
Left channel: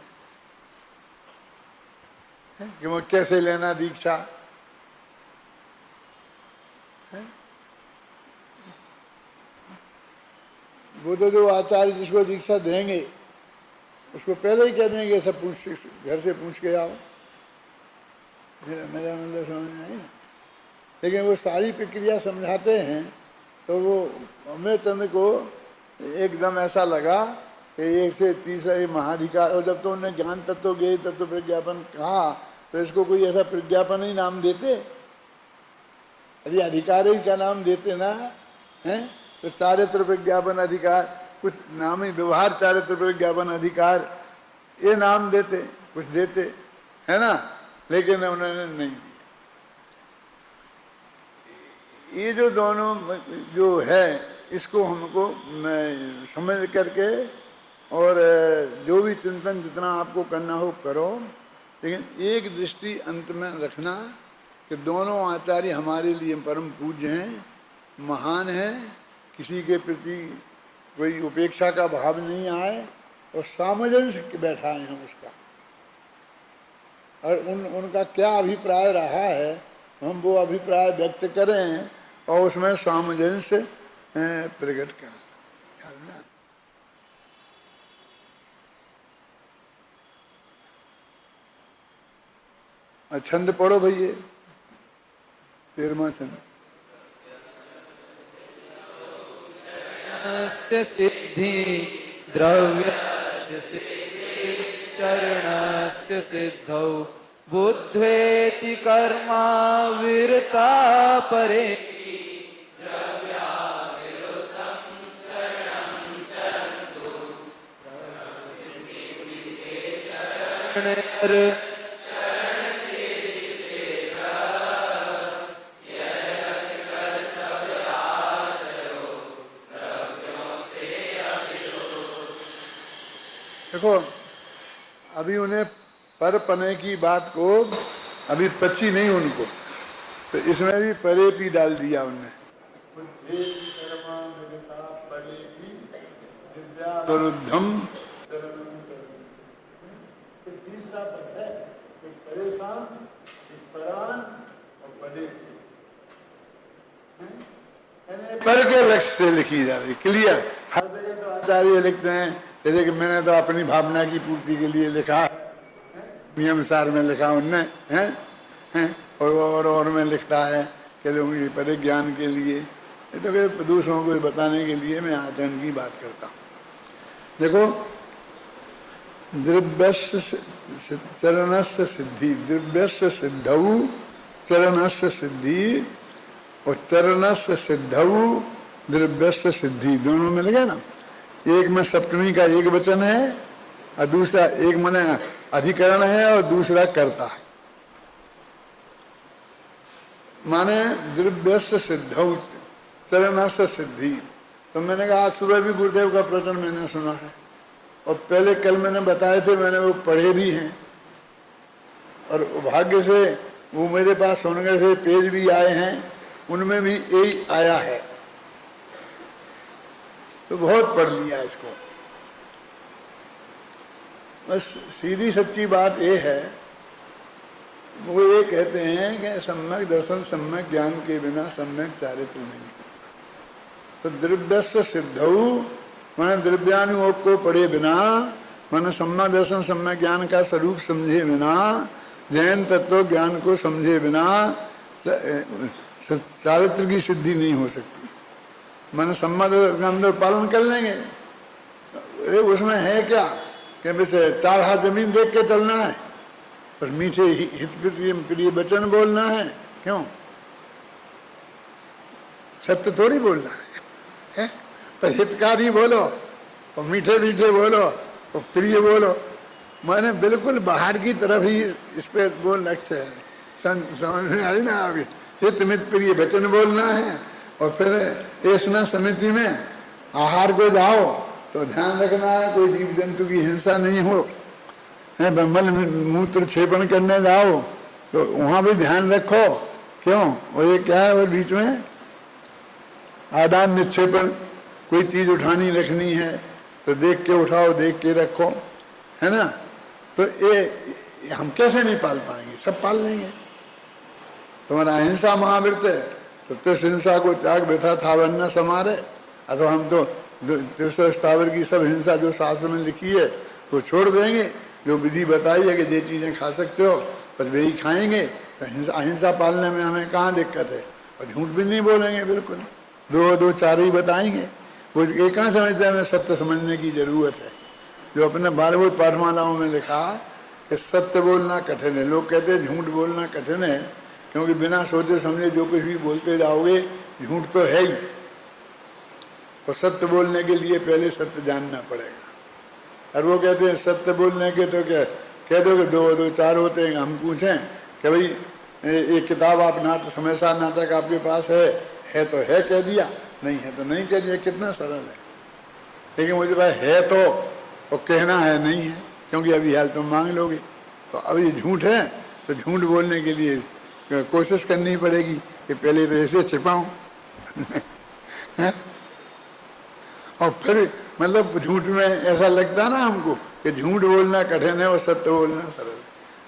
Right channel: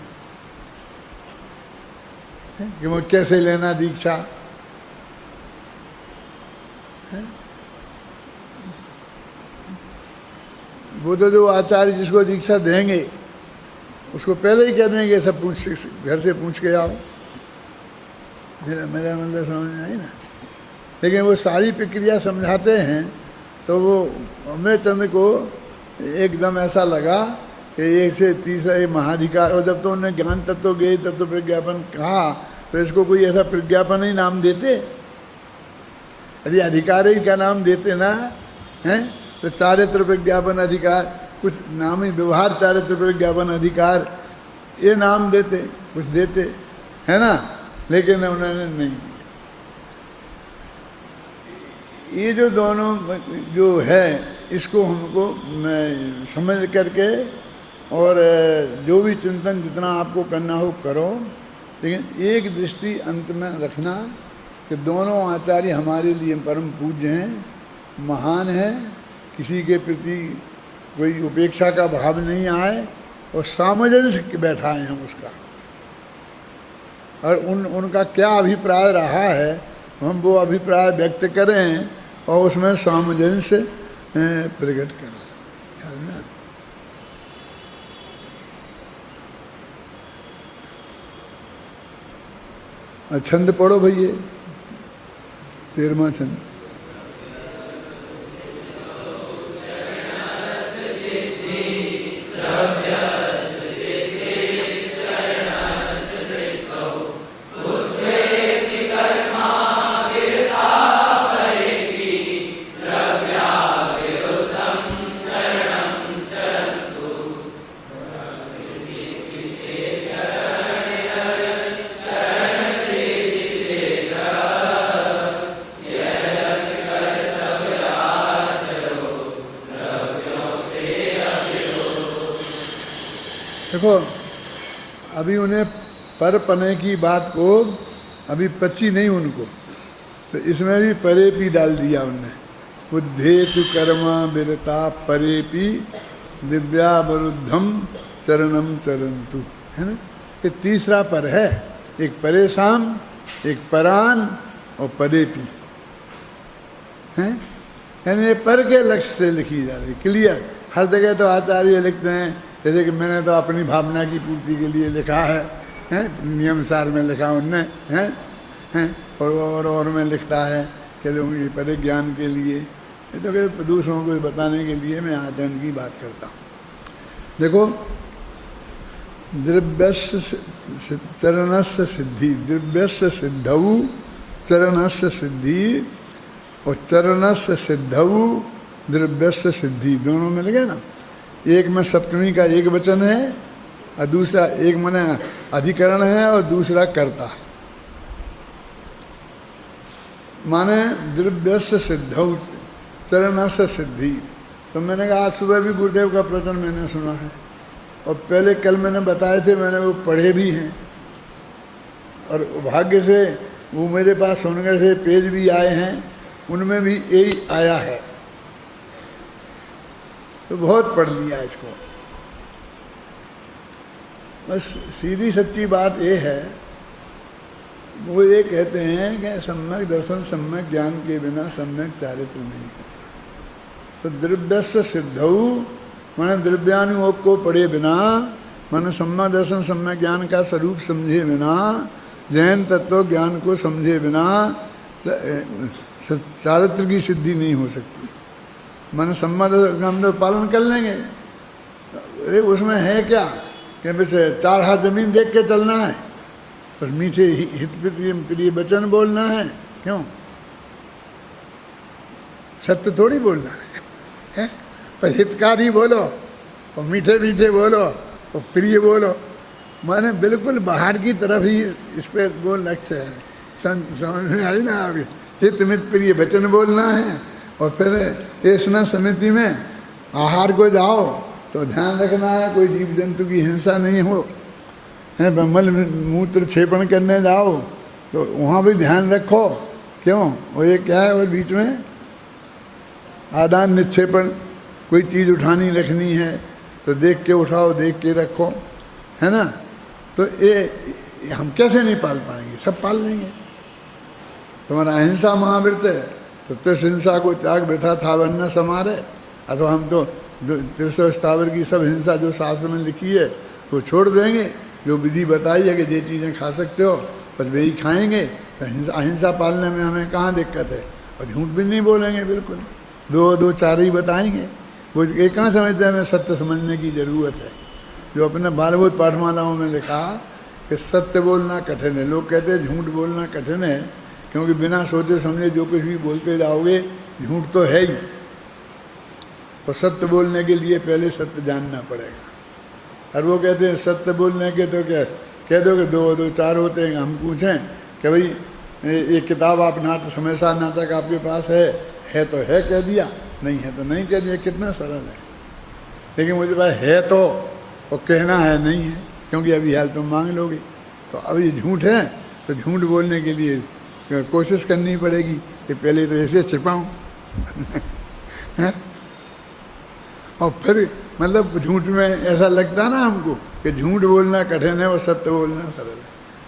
कि वो कैसे लेना दीक्षा है। वो तो जो आचार्य जिसको दीक्षा देंगे उसको पहले ही कह देंगे सब पूछ, घर से पूछ के आओ। मेरा मतलब समझ में आई ना। लेकिन वो सारी प्रक्रिया समझाते हैं तो वो अमृतचंद्र को एकदम ऐसा लगा कि एक से तीसरा ये महाधिकार, और जब तो उन्होंने ज्ञान तत्व ज्ञेय तत्व प्रज्ञापन कहा तो इसको कोई ऐसा प्रज्ञापन ही नाम देते, यदि अधिकार ही का नाम देते ना हैं तो चारित्र प्रज्ञापन अधिकार कुछ नाम ही, व्यवहार चारित्र प्रज्ञापन अधिकार ये नाम देते, कुछ देते है ना। लेकिन उन्होंने नहीं किया। ये जो दोनों जो है इसको हमको समझ करके और जो भी चिंतन जितना आपको करना हो करो, लेकिन एक दृष्टि अंत में रखना कि दोनों आचार्य हमारे लिए परम पूज्य हैं, महान है, किसी के प्रति कोई उपेक्षा का भाव नहीं आए और सामंजस्य बैठाए हम उसका, और उनका क्या अभिप्राय रहा है हम वो अभिप्राय व्यक्त करें और उसमें सामंजस्य प्रकट करें। छंद पढ़ो भैया, 13वां छंद। देखो अभी उन्हें पर पने की बात को अभी पची नहीं उनको, तो इसमें भी परे पी डाल दिया उनने। बुद्धेतु कर्मा विरता परेपि दिव्यावरुद्धम चरणम चरंतु, है ना। ये तीसरा पर है, एक परेशान, एक परान और परेपी है, यानी पर के लक्ष्य से लिखी जा रही, क्लियर। हर जगह तो आचार्य लिखते हैं जैसे कि मैंने तो अपनी भावना की पूर्ति के लिए लिखा है, नियम सार में लिखा उनने हैं और में लिखता है कि लोगों के परे ज्ञान के लिए, ये तो दूसरों को बताने के लिए मैं आचरण की बात करता हूँ। देखो द्रव्यस्य चरणस्य सिद्धि, द्रव्यस्य सिद्धौ चरणस्य सिद्धि और चरणस्य सिद्धौ द्रव्यस्य सिद्धि, दोनों में लगे ना। एक में सप्तमी का एक वचन है और दूसरा एक माने अधिकरण है और दूसरा कर्ता है, माने द्रव्यस्य सिद्धौ चरणस्य सिद्धि। तो मैंने कहा आज सुबह भी गुरुदेव का प्रवचन मैंने सुना है और पहले कल मैंने बताए थे, मैंने वो पढ़े भी हैं और भाग्य से वो मेरे पास सुनने से पेज भी आए हैं, उनमें भी यही आया है, तो बहुत पढ़ लिया इसको। बस सीधी सच्ची बात ये है, वो ये कहते हैं कि सम्यक दर्शन सम्यक ज्ञान के बिना सम्यक चारित्र नहीं होता। तो द्रव्यस्य सिद्धौ माने द्रव्यानुयोग को पढ़े बिना, माने सम्यक दर्शन सम्यक ज्ञान का स्वरूप समझे बिना, जैन तत्व ज्ञान को समझे बिना चारित्र की सिद्धि नहीं हो सकती। माने सम्यक दर्शन का अंदर पालन कर लेंगे, अरे उसमें है क्या कि बस 4 हाथ जमीन देख के चलना है, बस मीठे हित प्रिय वचन बोलना है। क्यों? सत्य थोड़ी बोलना है, पर हितकारी बोलो और मीठे मीठे बोलो और प्रिय बोलो। मैंने बिल्कुल बाहर की तरफ ही इस पे वो लक्ष्य है। समझ में आई ना? अभी हित मित प्रिय वचन बोलना है। और फिर ऐसा समिति में आहार को जाओ तो ध्यान रखना है कोई जीव जंतु की हिंसा नहीं हो, है मल मूत्र क्षेपण करने जाओ तो वहाँ भी ध्यान रखो। क्यों? वो ये क्या है, वो बीच में आदान निक्षेपण, कोई चीज़ उठानी रखनी है तो देख के उठाओ, देख के रखो, है ना? तो ये हम कैसे नहीं पाल पाएंगे? सब पाल लेंगे। तुम्हारा अहिंसा महाव्रत है तो तिस हिंसा को त्याग वृथा था वन्न समारे। अथवा हम तो तीसरे स्थावर की सब हिंसा जो शास्त्र में लिखी है वो छोड़ देंगे, जो विधि बताई है कि ये चीज़ें खा सकते हो बस वही खाएंगे। तो अहिंसा पालने में हमें कहाँ दिक्कत है? और झूठ भी नहीं बोलेंगे, बिल्कुल दो चार ही बताएंगे। वो ये कहाँ समझते हैं हमें सत्य समझने की ज़रूरत है। जो अपने बालभूत पाठमालाओं में लिखा कि सत्य बोलना कठिन है। लोग कहते हैं झूठ बोलना कठिन है क्योंकि बिना सोचे समझे जो कुछ भी बोलते जाओगे झूठ तो है ही। तो सत्य बोलने के लिए पहले सत्य जानना पड़ेगा। और वो कहते हैं सत्य बोलने के तो क्या कह दो कि दो चार होते हैं। हम पूछें कि भाई ये किताब आप नाटक हमेशा नाटक आपके पास है तो है कह दिया, नहीं है तो नहीं कह दिया, कितना सरल है। लेकिन मुझे पास है तो वो कहना है नहीं है, क्योंकि अभी हाल तुम मांग लोगे। तो अब ये झूठ है तो झूठ बोलने के लिए कोशिश करनी पड़ेगी कि पहले तो ऐसे छिपाऊँ और फिर मतलब झूठ में ऐसा लगता ना हमको कि झूठ बोलना कठिन है और सत्य बोलना सरल है।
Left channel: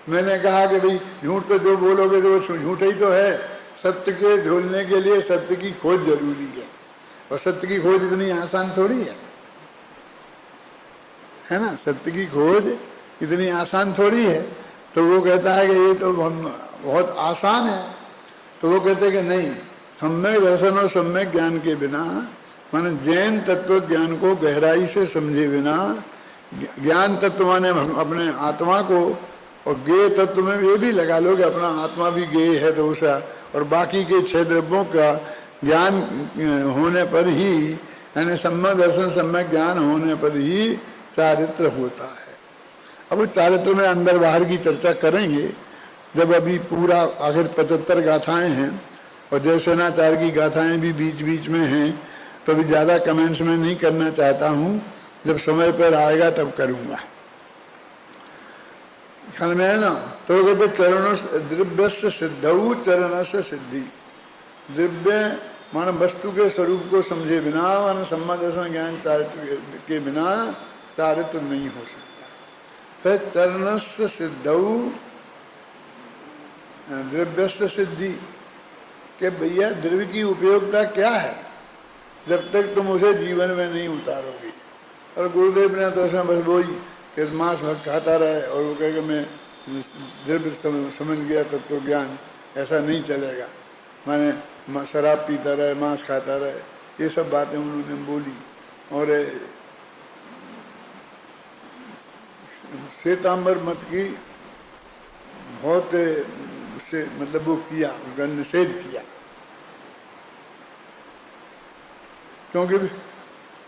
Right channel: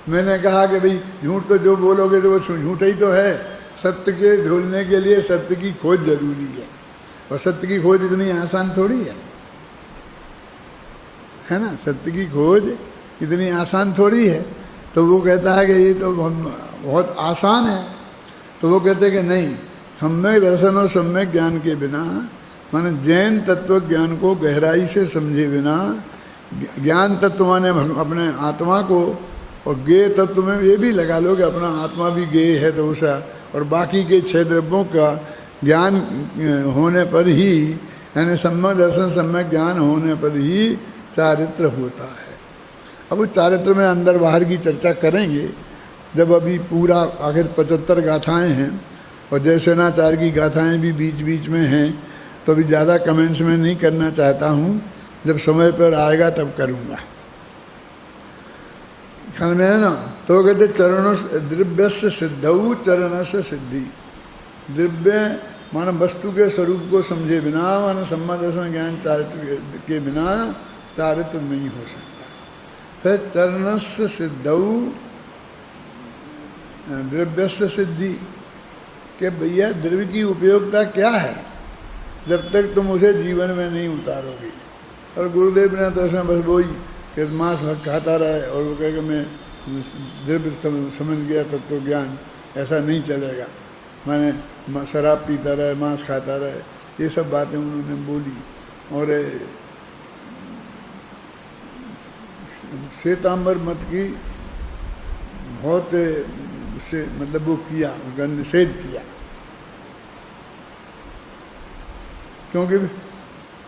मैंने कहा कि भाई झूठ तो जो बोलोगे तो वो झूठ ही तो है। सत्य के ढूंढने के लिए सत्य की खोज जरूरी है, और सत्य की खोज इतनी आसान थोड़ी है ना? सत्य की खोज इतनी आसान थोड़ी है। तो वो कहता है कि ये तो बहुत आसान है। तो वो कहते हैं कि नहीं, सम्यक दर्शन और सम्यक ज्ञान के बिना, माने जैन तत्व ज्ञान को गहराई से समझे बिना, ज्ञान तत्व माने अपने आत्मा को, और गेय तत्व में ये भी लगा लो कि अपना आत्मा भी गेय है तो उसा, और बाकी के 6 द्रव्यों का ज्ञान होने पर ही, यानी सम्यक दर्शन सम्यक ज्ञान होने पर ही चारित्र होता है। अब उस चारित्र में अंदर बाहर की चर्चा करेंगे जब अभी पूरा आखिर 75 गाथाएं हैं, और जयसेनाचार्य की गाथाएं भी बीच बीच में हैं, तो अभी ज़्यादा कमेंट्स में नहीं करना चाहता हूँ, जब समय पर आएगा तब करूँगा। ख्याल में है ना? तो कहते चरणों द्रव्य से सिद्धऊ चरण से सिद्धि। द्रव्य मानो वस्तु के स्वरूप को समझे बिना, मानो सम्यक दर्शन ज्ञान चारित्र के बिना चारित्र नहीं हो सकता। फिर चरण से सिद्धऊ द्रव्य से सिद्धि कि भैया द्रव्य की उपयोगिता क्या है जब तक तुम उसे जीवन में नहीं उतारोगे। और गुरुदेव ने तो उसमें बस वही कि मांस खाता रहे और वो कहे कि मैं द्रव्य समझ गया तत्व ज्ञान, ऐसा नहीं चलेगा। मैंने शराब पीता रहे, मांस खाता रहे, ये सब बातें उन्होंने बोली। और श्वेतांबर मत की बहुत उससे मतलब वो किया, उसका निषेध किया, क्योंकि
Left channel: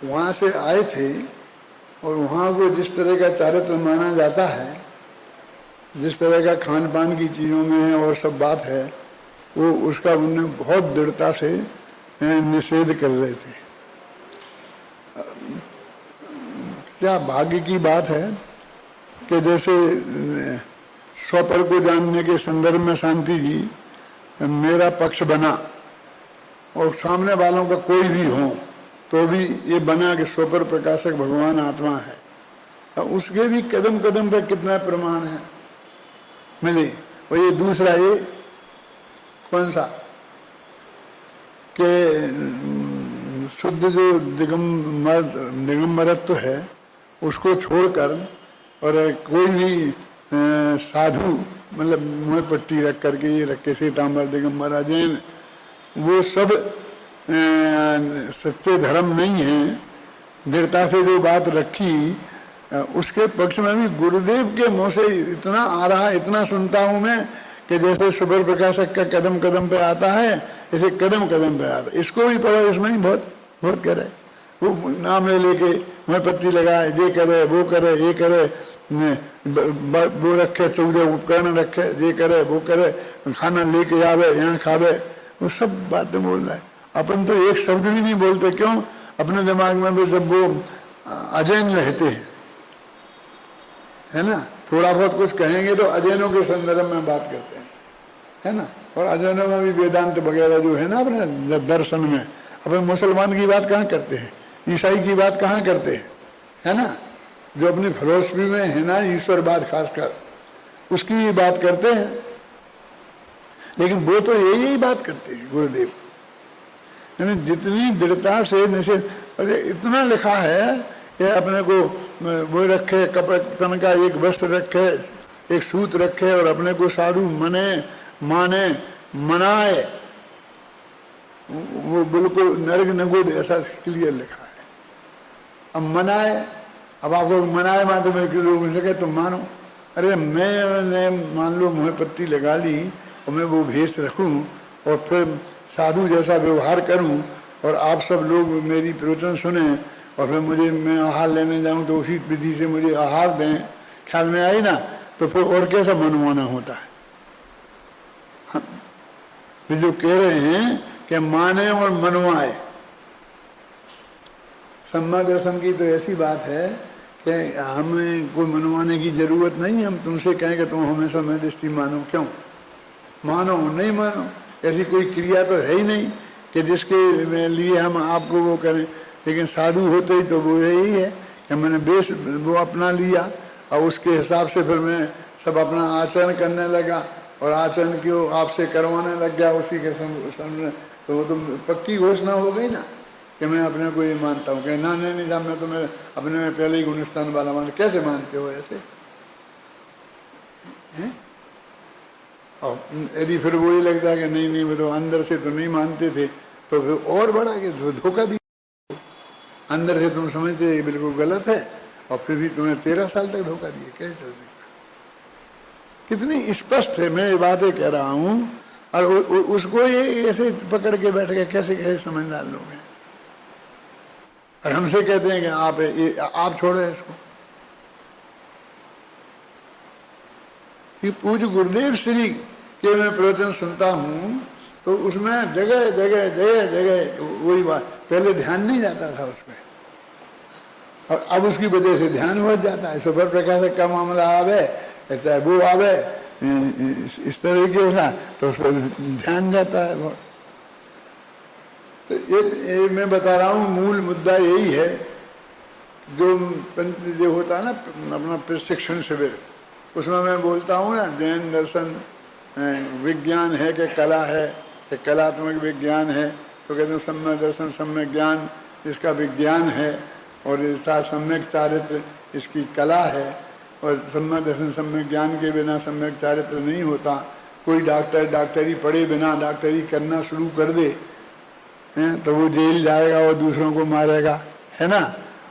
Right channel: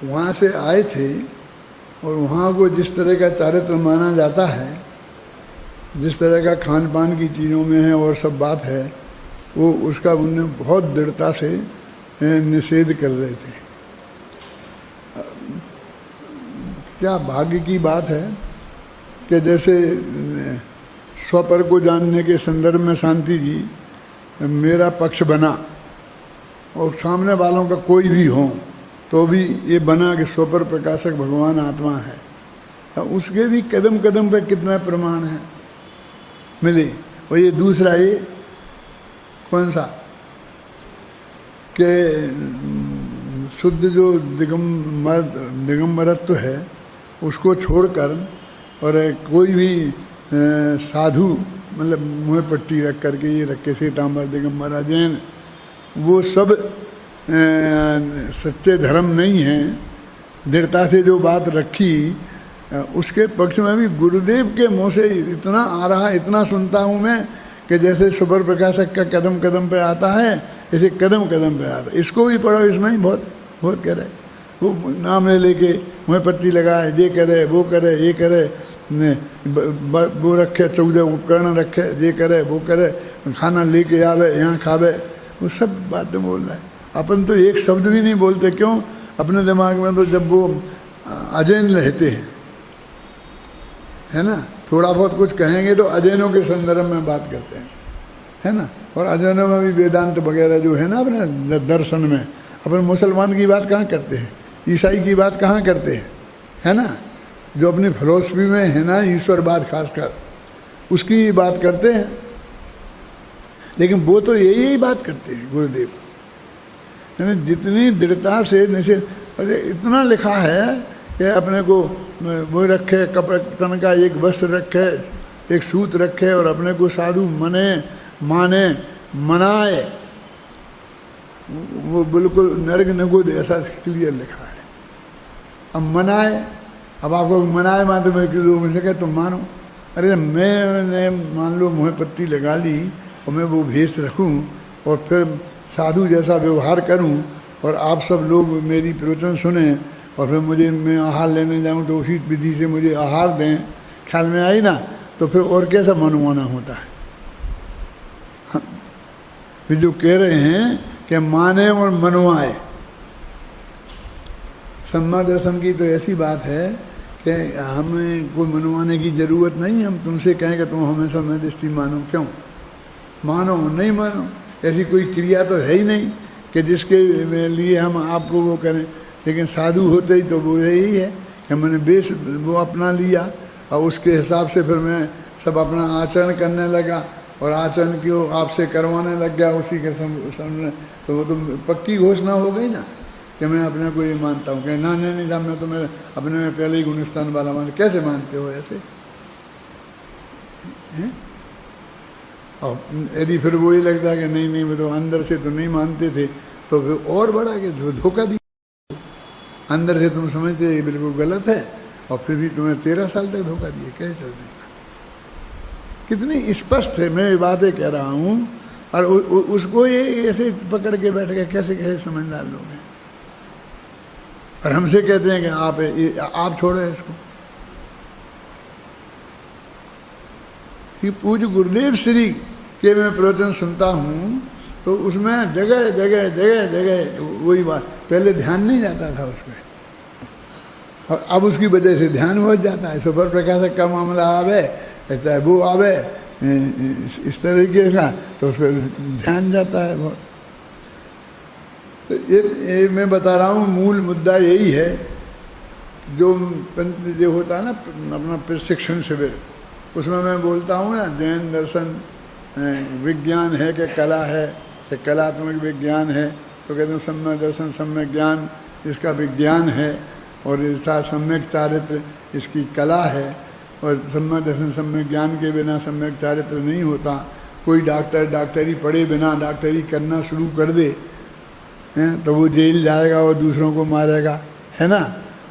वहाँ से आए थे और वहाँ को जिस तरह का चारित्र माना जाता है, जिस तरह का खान पान की चीज़ों में है और सब बात है, वो उसका उन्होंने बहुत दृढ़ता से निषेध कर रहे थे। क्या भाग्य की बात है कि जैसे स्वपर को जानने के संदर्भ में शांति जी मेरा पक्ष बना, और सामने वालों का कोई भी हो तो भी ये बना कि स्वपर प्रकाशक भगवान आत्मा है। तो उसके भी कदम कदम पे कितना प्रमाण है मिले। और ये दूसरा, ये कौन सा कि शुद्ध जो दिगंबरत्व है उसको छोड़कर और कोई भी साधु मतलब मुँह पट्टी रख करके ये रख के श्वेतांबर दिगंबर अजैन, वो सब सच्चे धर्म नहीं है। दृढ़ता से जो बात रखी उसके पक्ष में भी गुरुदेव के मुँह से इतना आ रहा, इतना सुनता हूँ मैं कि जैसे सुपर प्रकाशक का कदम कदम पे आता है ऐसे कदम कदम पे आता है। इसको भी पढ़ो, इसमें ही बहुत बहुत करे। वो नाम ले लेके मुँह पत्ती लगाए, ये करे वो करे ये करे, वो रखे 14 उपकरण रखे, ये करे वो करे, खाना लेके आवे यहाँ खावे, वो सब बातें बोल रहा है। अपन तो एक शब्द भी नहीं बोलते, क्यों? अपने दिमाग में तो जब वो अजैन रहते हैं, है ना, थोड़ा बहुत कुछ कहेंगे तो अजैनों के संदर्भ में बात करते हैं, है ना। और अजैनों में भी वेदांत वगैरह जो है ना अपने दर्शन में, अपन मुसलमान की बात कहाँ करते हैं, ईसाई की बात कहाँ करते हैं, है ना। जो अपनी फिलोसफी में है ना ईश्वरवाद खासकर, उसकी बात करते हैं। लेकिन वो तो यही बात करते हैं गुरुदेव, यानी जितनी दृढ़ता से निषेध। अरे इतना लिखा है कि अपने को वो रखे, कपड़े तन का एक वस्त्र रखे, एक सूत रखे और अपने को साधु माने मनाए, वो बिल्कुल नर्क निगुद ऐसा क्लियर लिखा है। अब मनाए, अब आपको मनाए माते में लोग सके तो मानो। अरे मैंने मान लो मुँह पत्ती लगा ली और मैं वो भेष रखूं और फिर साधु जैसा व्यवहार करूं और आप सब लोग मेरी प्रवचन सुने और फिर मैं आहार लेने जाऊं तो उसी विधि से मुझे आहार दें, ख्याल में आई ना, तो फिर और कैसा मनमाना होता है। जो कह रहे हैं कि माने और मनवाए, सम्मा दर्शन की तो ऐसी बात है कि हमें कोई मनवाने की जरूरत नहीं। हम तुमसे कहें कि तुम हमेशा मैं दृष्टि मानो, क्यों मानो नहीं मानो, ऐसी कोई क्रिया तो है ही नहीं कि जिसके लिए हम आपको वो करें। लेकिन साधु होते ही तो वो यही है कि मैंने बेस वो अपना लिया और उसके हिसाब से फिर मैं सब अपना आचरण करने लगा और आचरण क्यों आपसे करवाने लग गया उसी के सामने, तो वो तो पक्की घोषणा हो गई ना कि मैं अपने को ये मानता हूँ कि ना नहीं साहब मैं तो मैं अपने में पहले ही गुणस्थान वाला मान। कैसे मानते हो ऐसे? और यदि फिर वही लगता है कि नहीं वो तो अंदर से तो नहीं मानते थे, तो फिर और बड़ा कि धोखा दिया। अंदर से तुम समझते ये बिल्कुल गलत है और फिर भी तुम्हें 13 साल तक धोखा दिए, कैसे चल सकता? कितनी स्पष्ट है मैं ये बातें कह रहा हूँ, और उसको ये ऐसे पकड़ के बैठ गए, कैसे कैसे समझदार लोग हैं। और हमसे कहते हैं कि आप छोड़ो इसको। कि पूज्य गुरुदेव श्री के मैं प्रवचन सुनता हूँ तो उसमें जगह जगह जगह जगह वही बात, पहले ध्यान नहीं जाता था उसमें और अब उसकी वजह से ध्यान हो जाता है। सुपर प्रकाशक का मामला आवे, चाहे वो आवे इस तरीके का, तो उस पर ध्यान जाता है बहुत। तो ये मैं बता रहा हूँ मूल मुद्दा यही है। जो होता है ना अपना प्रशिक्षण शिविर, उसमें मैं बोलता हूँ ना जैन दर्शन विज्ञान है कि कला है कि कलात्मक विज्ञान है, तो कहते हैं सम्यक दर्शन सम्यक ज्ञान इसका विज्ञान है और इसका सम्यक चारित्र इसकी कला है। और सम्यक दर्शन सम्यक ज्ञान के बिना सम्यक चारित्र नहीं होता। कोई डॉक्टरी पढ़े बिना डॉक्टरी करना शुरू कर दे तो वो जेल जाएगा और दूसरों को मारेगा, है ना।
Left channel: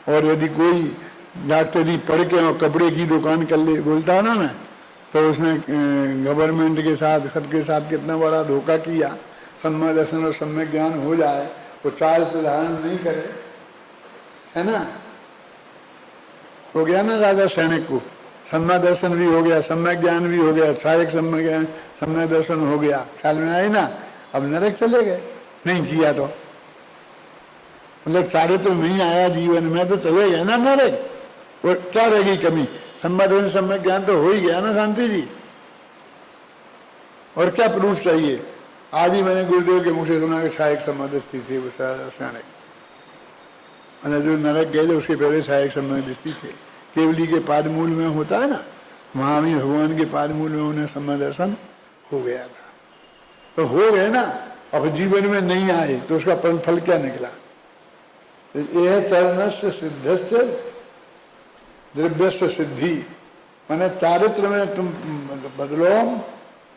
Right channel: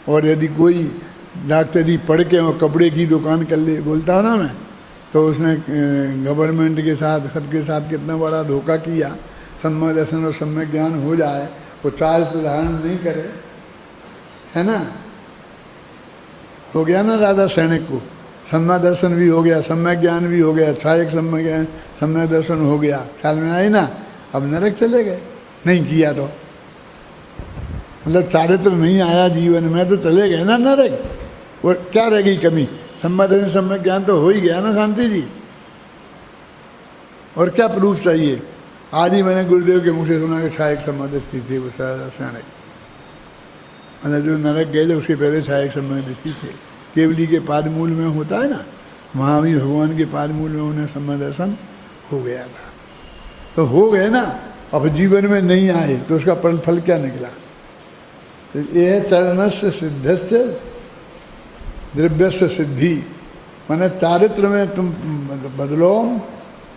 और यदि कोई डॉक्टरी पढ़ के और कपड़े की दुकान कर ले, बोलता हूँ ना मैं, तो उसने गवर्नमेंट के साथ सबके साथ कितना बड़ा धोखा किया। सम्यक दर्शन और सम्यक ज्ञान हो जाए, वो चारित्र धारण नहीं करे, है ना। हो गया ना राजा सैनिक को, सम्यक दर्शन भी हो गया, सम्यक ज्ञान भी हो गया, छायक सम्यक दर्शन हो गया, ख्याल में आई ना। अब नरक चले गए, नहीं किया तो मतलब चारित्र नहीं आया जीवन में तो चले गए ना नरक। और क्या रह गई कमी? सम्यक दर्शन सम्यक ज्ञान तो हो ही गया ना शांति जी। और क्या प्रूफ चाहिए? आज ही मैंने गुरुदेव के मुख से सुना कि छायक सम्यक दृष्टि थी वो सैनिक, मतलब जो नरक गए थे उसके पहले छायक सम्यक दृष्टि थे। केवली के पादमूल में होता है ना, महावीर भगवान के पादमूल में उन्हें सम्यक दर्शन हो गया था, तो हो गए ना। अब जीवन में नहीं आए तो उसका फल क्या निकला? तो ये चरणस्य सिद्धस्य द्रव्यस्य सिद्धि, माने चारित्र में तुम बदलो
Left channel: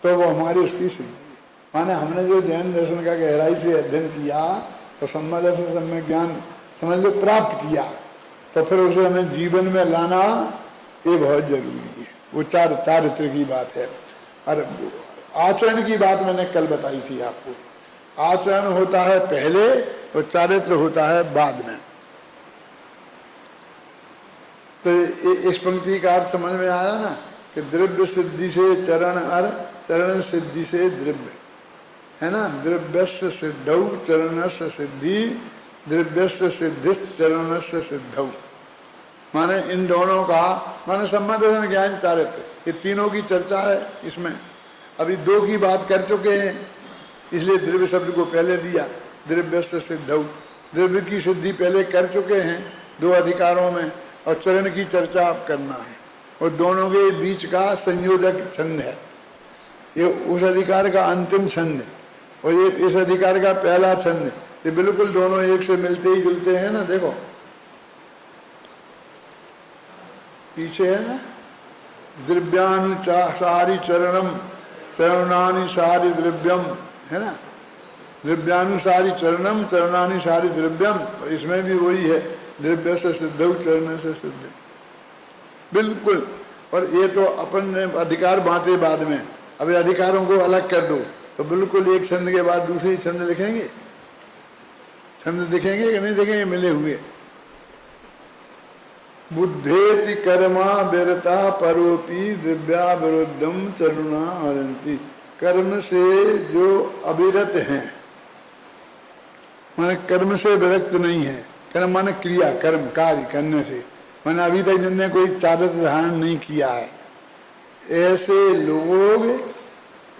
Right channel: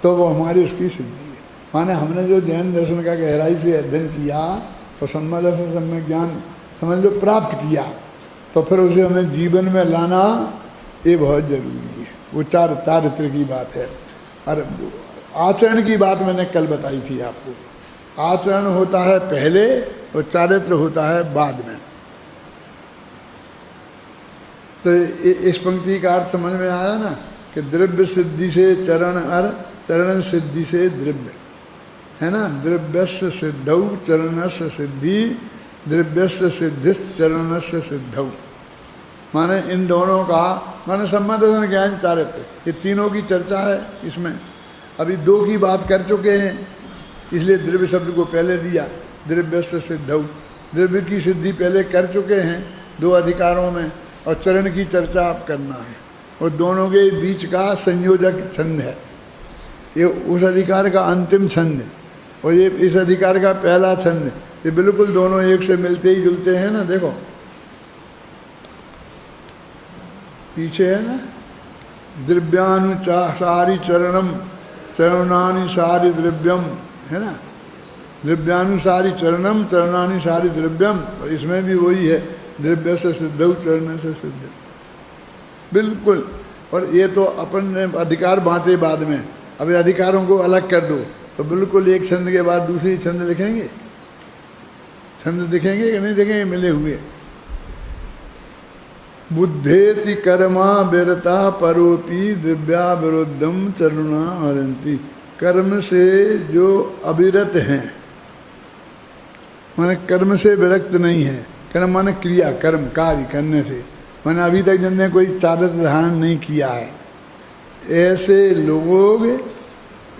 तो वो हमारी उसकी सिद्धि है। माने हमने जो जैन दर्शन का गहराई से अध्ययन किया और सम्यक दर्शन सम्यक ज्ञान समझ लो प्राप्त किया, तो फिर उसे हमें जीवन में लाना ये बहुत जरूरी है। वो चारित्र की बात है। और आचरण की बात मैंने कल बताई थी आपको। आचरण होता है पहले और चारित्र होता है बाद में। तो इस पंक्ति का अर्थ समझ में आया ना कि द्रव्य सिद्धि से चरण और चरण सिद्धि से द्रव्य, है ना। द्रव्यस्य सिद्धौ चरणस्य सिद्धि, द्रव्यस्य सिद्धिश्च चरणस्य सिद्धौ। माने इन दोनों का माने सम्यक दर्शन ज्ञान चारित्र, ये तीनों की चर्चा है इसमें। अभी दो की बात कर चुके हैं, इसलिए द्रव्य शब्द को पहले दिया। द्रव्यस्य सिद्धौ, द्रव्य की सिद्धि पहले कर चुके हैं दो अधिकारों में, और चरण की चर्चा आप करना है। और दोनों के बीच का संयोजक छंद है, ये उस अधिकार का अंतिम छंद है और ये इस अधिकार का पहला छंद है। ये बिल्कुल दोनों एक से मिलते ही जुलते हैं ना। देखो पीछे है ना, द्रव्यानुसारी चरणम चरणानुसारी द्रव्यम, है ना। द्रव्यानुसारी चरणम चरणानुसारी द्रव्यम, तो इसमें भी वही है, द्रव्य से सिद्धौ चरण से सिद्ध, बिल्कुल। और ये तो अपन ने अधिकार बांटे बाद में, अभी अधिकारों को अलग कर दो तो बिल्कुल एक छंद के बाद दूसरी छंद लिखेंगे, छंद दिखेंगे कि नहीं दिखेंगे, मिले हुए। बुद्धेति कर्मा विरता परोपि द्रव्या विरुद्धम चरुणा हरंती। कर्म से जो अविरत हैं, माने कर्म से विरक्त नहीं है। कर्म माने क्रिया, कर्म कार्य करने से, माने अभी तक जिनने कोई चारित्र धारण नहीं किया है, ऐसे लोग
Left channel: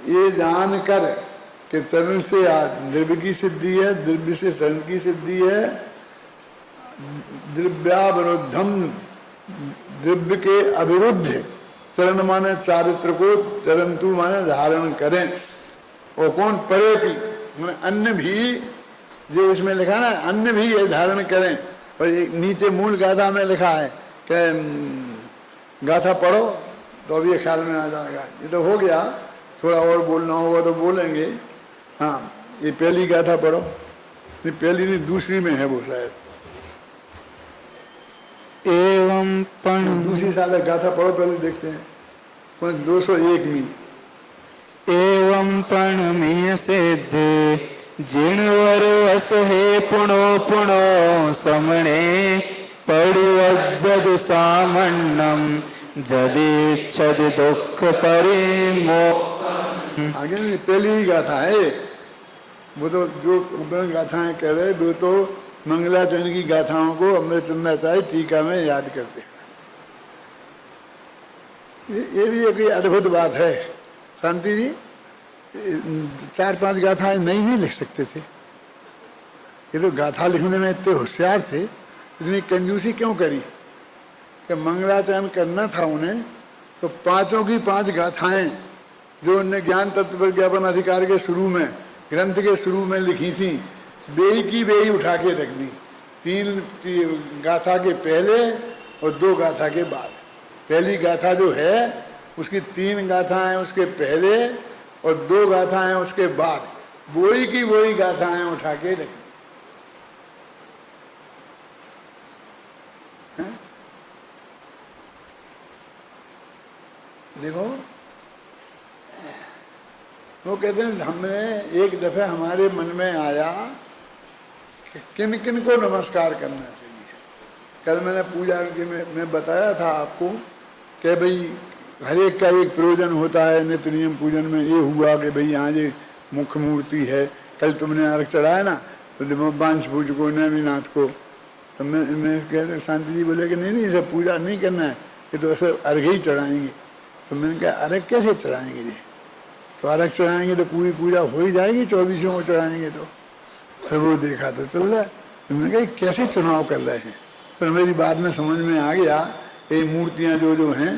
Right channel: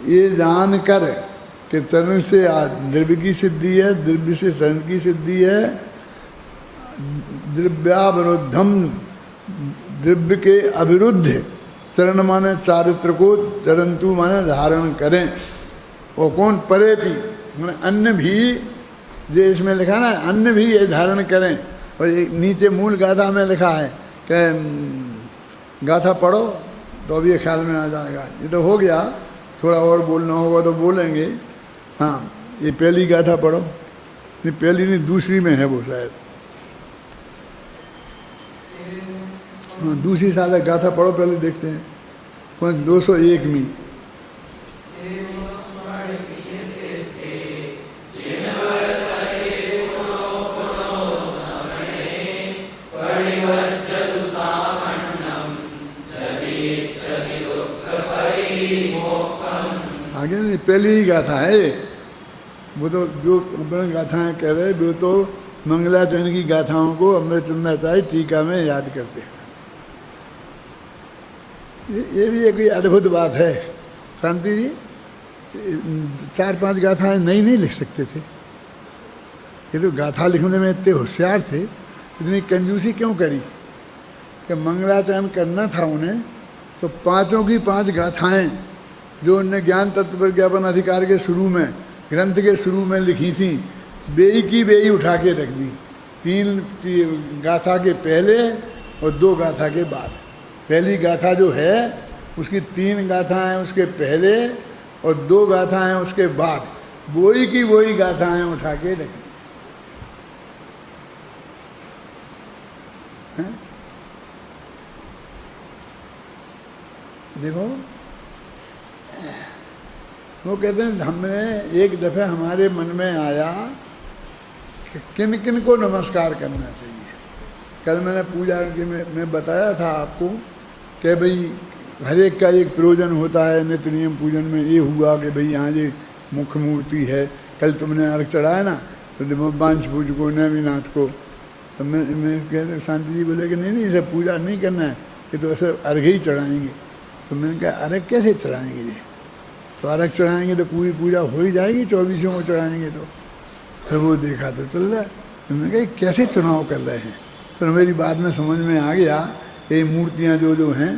ये जानकर कि चरण से द्रव्य की सिद्धि है, द्रव्य से चरण की सिद्धि है, द्रव्याविरुद्धम, द्रव्य के अविरुद्ध चरण माने चारित्र को, चरंतु माने धारण करें। वो कौन? परे भी, माने अन्य भी, जो इसमें लिखा ना अन्य भी ये धारण करें। और एक नीचे मूल गाथा में लिखा है कि गाथा पढ़ो तो अभी ख्याल में आ जाएगा। ये तो हो गया, थोड़ा और बोलना होगा तो बोलेंगे। हाँ, ये पहली गाथा पढ़ो, ये पहली नहीं दूसरी में है वो शायद। एवं दूसरी साल गाथा पढ़ो, पहले देखते हैं 201 में। एवं प्रणमेय सिद्धि जिणवर असहे पुणो पुणो समणे परिवज्जद सामन्नम जदेच्छद दुख परे मोक्षम। आगे नहीं, पहली ही गाथा है वो तो। जो गाथाएं कह रहे वो तो मंगलाचरण की गाथाओं को अमृतचंद्राचार्य टीका में याद करते हैं। ये भी एक अद्भुत बात है शांति जी। 4-5 गाथाएं नहीं लिख सकते थे, ये तो गाथा लिखने में इतने होशियार थे। इतनी कंजूसी क्यों करी कि मंगलाचरण करना था उन्हें, तो 5 की 5 गाथाएं जो उनने ज्ञान तत्व प्रज्ञापन अधिकार के शुरू में, ग्रंथ के शुरू में लिखी थी, बेई की बेई उठा के रख दी। 3 गाथा के पहले और 2 गाथा के बाद। पहली गाथा जो है उसकी 3 गाथाएं उसके पहले और 2 गाथाएं उसके बाद, वही की वही गाथाएं उठा के रख दी। देखो वो कहते हैं, हमें एक दफे हमारे मन में आया कि किन किन को नमस्कार करना चाहिए। कल मैंने पूजा के में बताया था आपको कि भाई हर एक का एक प्रयोजन होता है। नित्य नियम पूजन में ये हुआ कि भाई यहाँ ये मुख्य मूर्ति है। कल तुमने अर्घ चढ़ाया ना, तो बांश पूजको नवीनाथ को, तो मैं कहते शांति जी बोले कि नहीं इसे पूजा नहीं करना है, ये तो ऐसे अर्घ ही चढ़ाएंगे। तो मैंने कहा अर्घ कैसे चढ़ाएंगे जी? तो अर्घ चढ़ाएंगे तो पूरी पूजा हो ही जाएगी, 24 को चढ़ाएंगे तो। फिर वो देखा तो चल रहा है, तो मैंने कहा कैसे चुनाव कर रहे हैं। फिर मेरी बात में समझ में आ गया, ये मूर्तियाँ जो हैं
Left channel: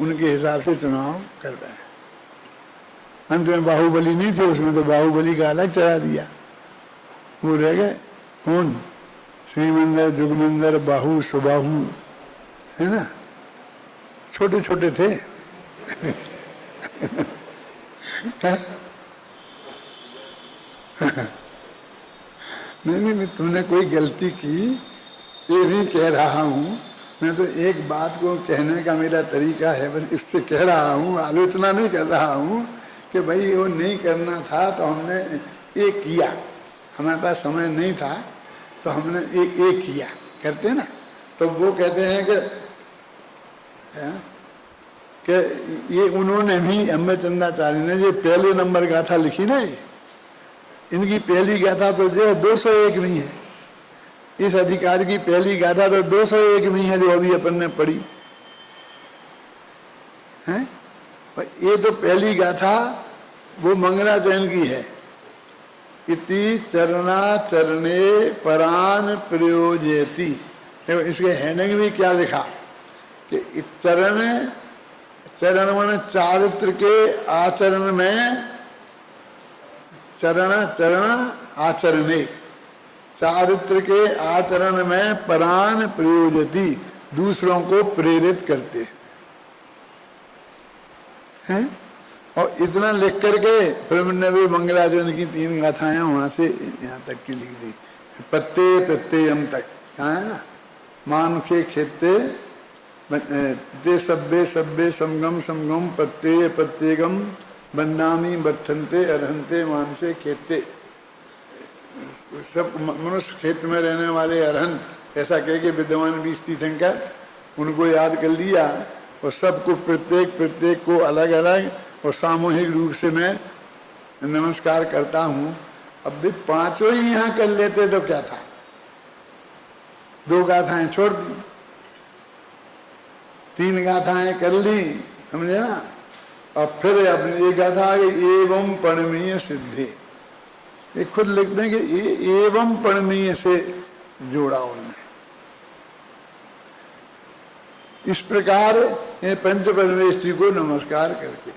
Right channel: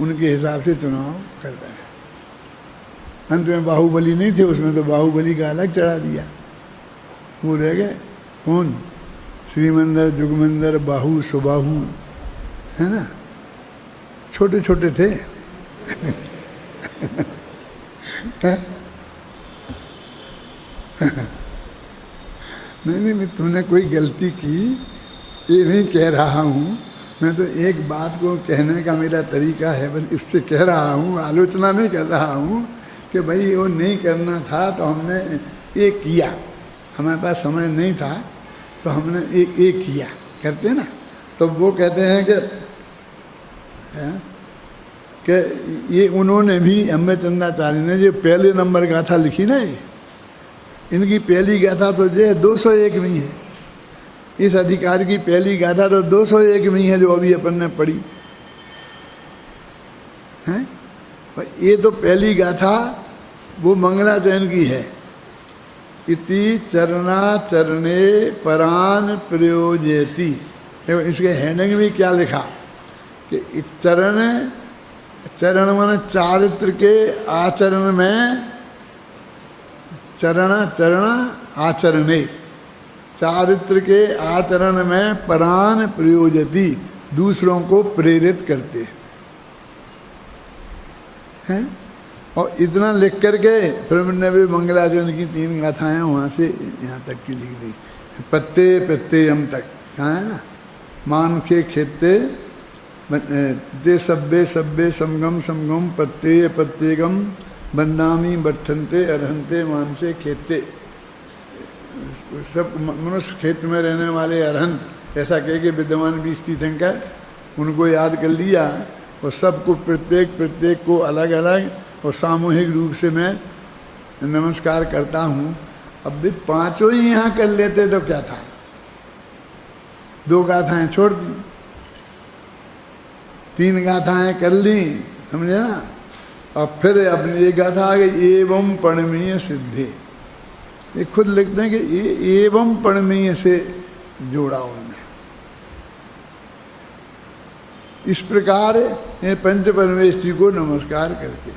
उनके हिसाब से चुनाव कर रहे हैं। अंत में बाहुबली नहीं थे उसमें, तो बाहुबली का अलग चढ़ा दिया। वो रह गए कौन? श्रीमंदर, जुगमंदर, बाहु, सुबाहु, है ना, छोटे छोटे थे। नहीं, तुमने कोई गलती की ये भी कह रहा हूँ मैं, तो एक बात को कहने का मेरा तरीका है, बस इससे कह रहा हूँ, आलोचना नहीं कर रहा हूँ कि भाई वो नहीं करना था तो हमने ये किया, हमारे पास समय नहीं था तो हमने ये किया, करते ना। तो वो कहते हैं कि ये उन्होंने भी अम्बचंदाचार्य ने जो पहले नंबर गाथा लिखी ना, ये इनकी पहली गाथा तो जो 201 में है, इस अधिकार की पहली गाथा तो 201 में है जो अभी अपन ने पढ़ी है। ये तो पहली गाथा वो मंगलाचरण की है, इति चरणाचरणे परान प्रयोजयति। देखो इसके हेडिंग में क्या लिखा कि चरण माने चारित्र के आचरण में, चरण आचरणे, चारित्र के आचरण में परान प्रयोजति, दूसरों को प्रेरित करते हैं। और इतना लिख करके फिर मैंने भी मंगलाचरण की 3 गाथाएं वहां से यहाँ तक की लिख दी, पत्ते प्रत्ययम तक, कहाँ है ना, मान के खेते दे सब्बे सब्बे समगम समगम पत्ते प्रत्येगम बंदामी बट्ठनते अरहंते मान से खेते। सब मनुष्य खेत में रहने वाले अरहंत, ऐसा कह के विद्वान 20 तीर्थंकर उनको याद कर लिया, और सबको प्रत्येक को अलग अलग और सामूहिक रूप से मैं नमस्कार करता हूँ। अब भी 5 ही यहाँ कर लेते तो क्या था, 2 गाथाएं छोड़ दी, 3 गाथाएं कर ली, समझे ना। और फिर अपनी ये गाथा आ गई एवं पणमीय सिद्धि, ये खुद लिखते हैं कि एवं पणमीय से जोड़ा उनने। इस प्रकार ये पंच परमेश्वरी को नमस्कार करके,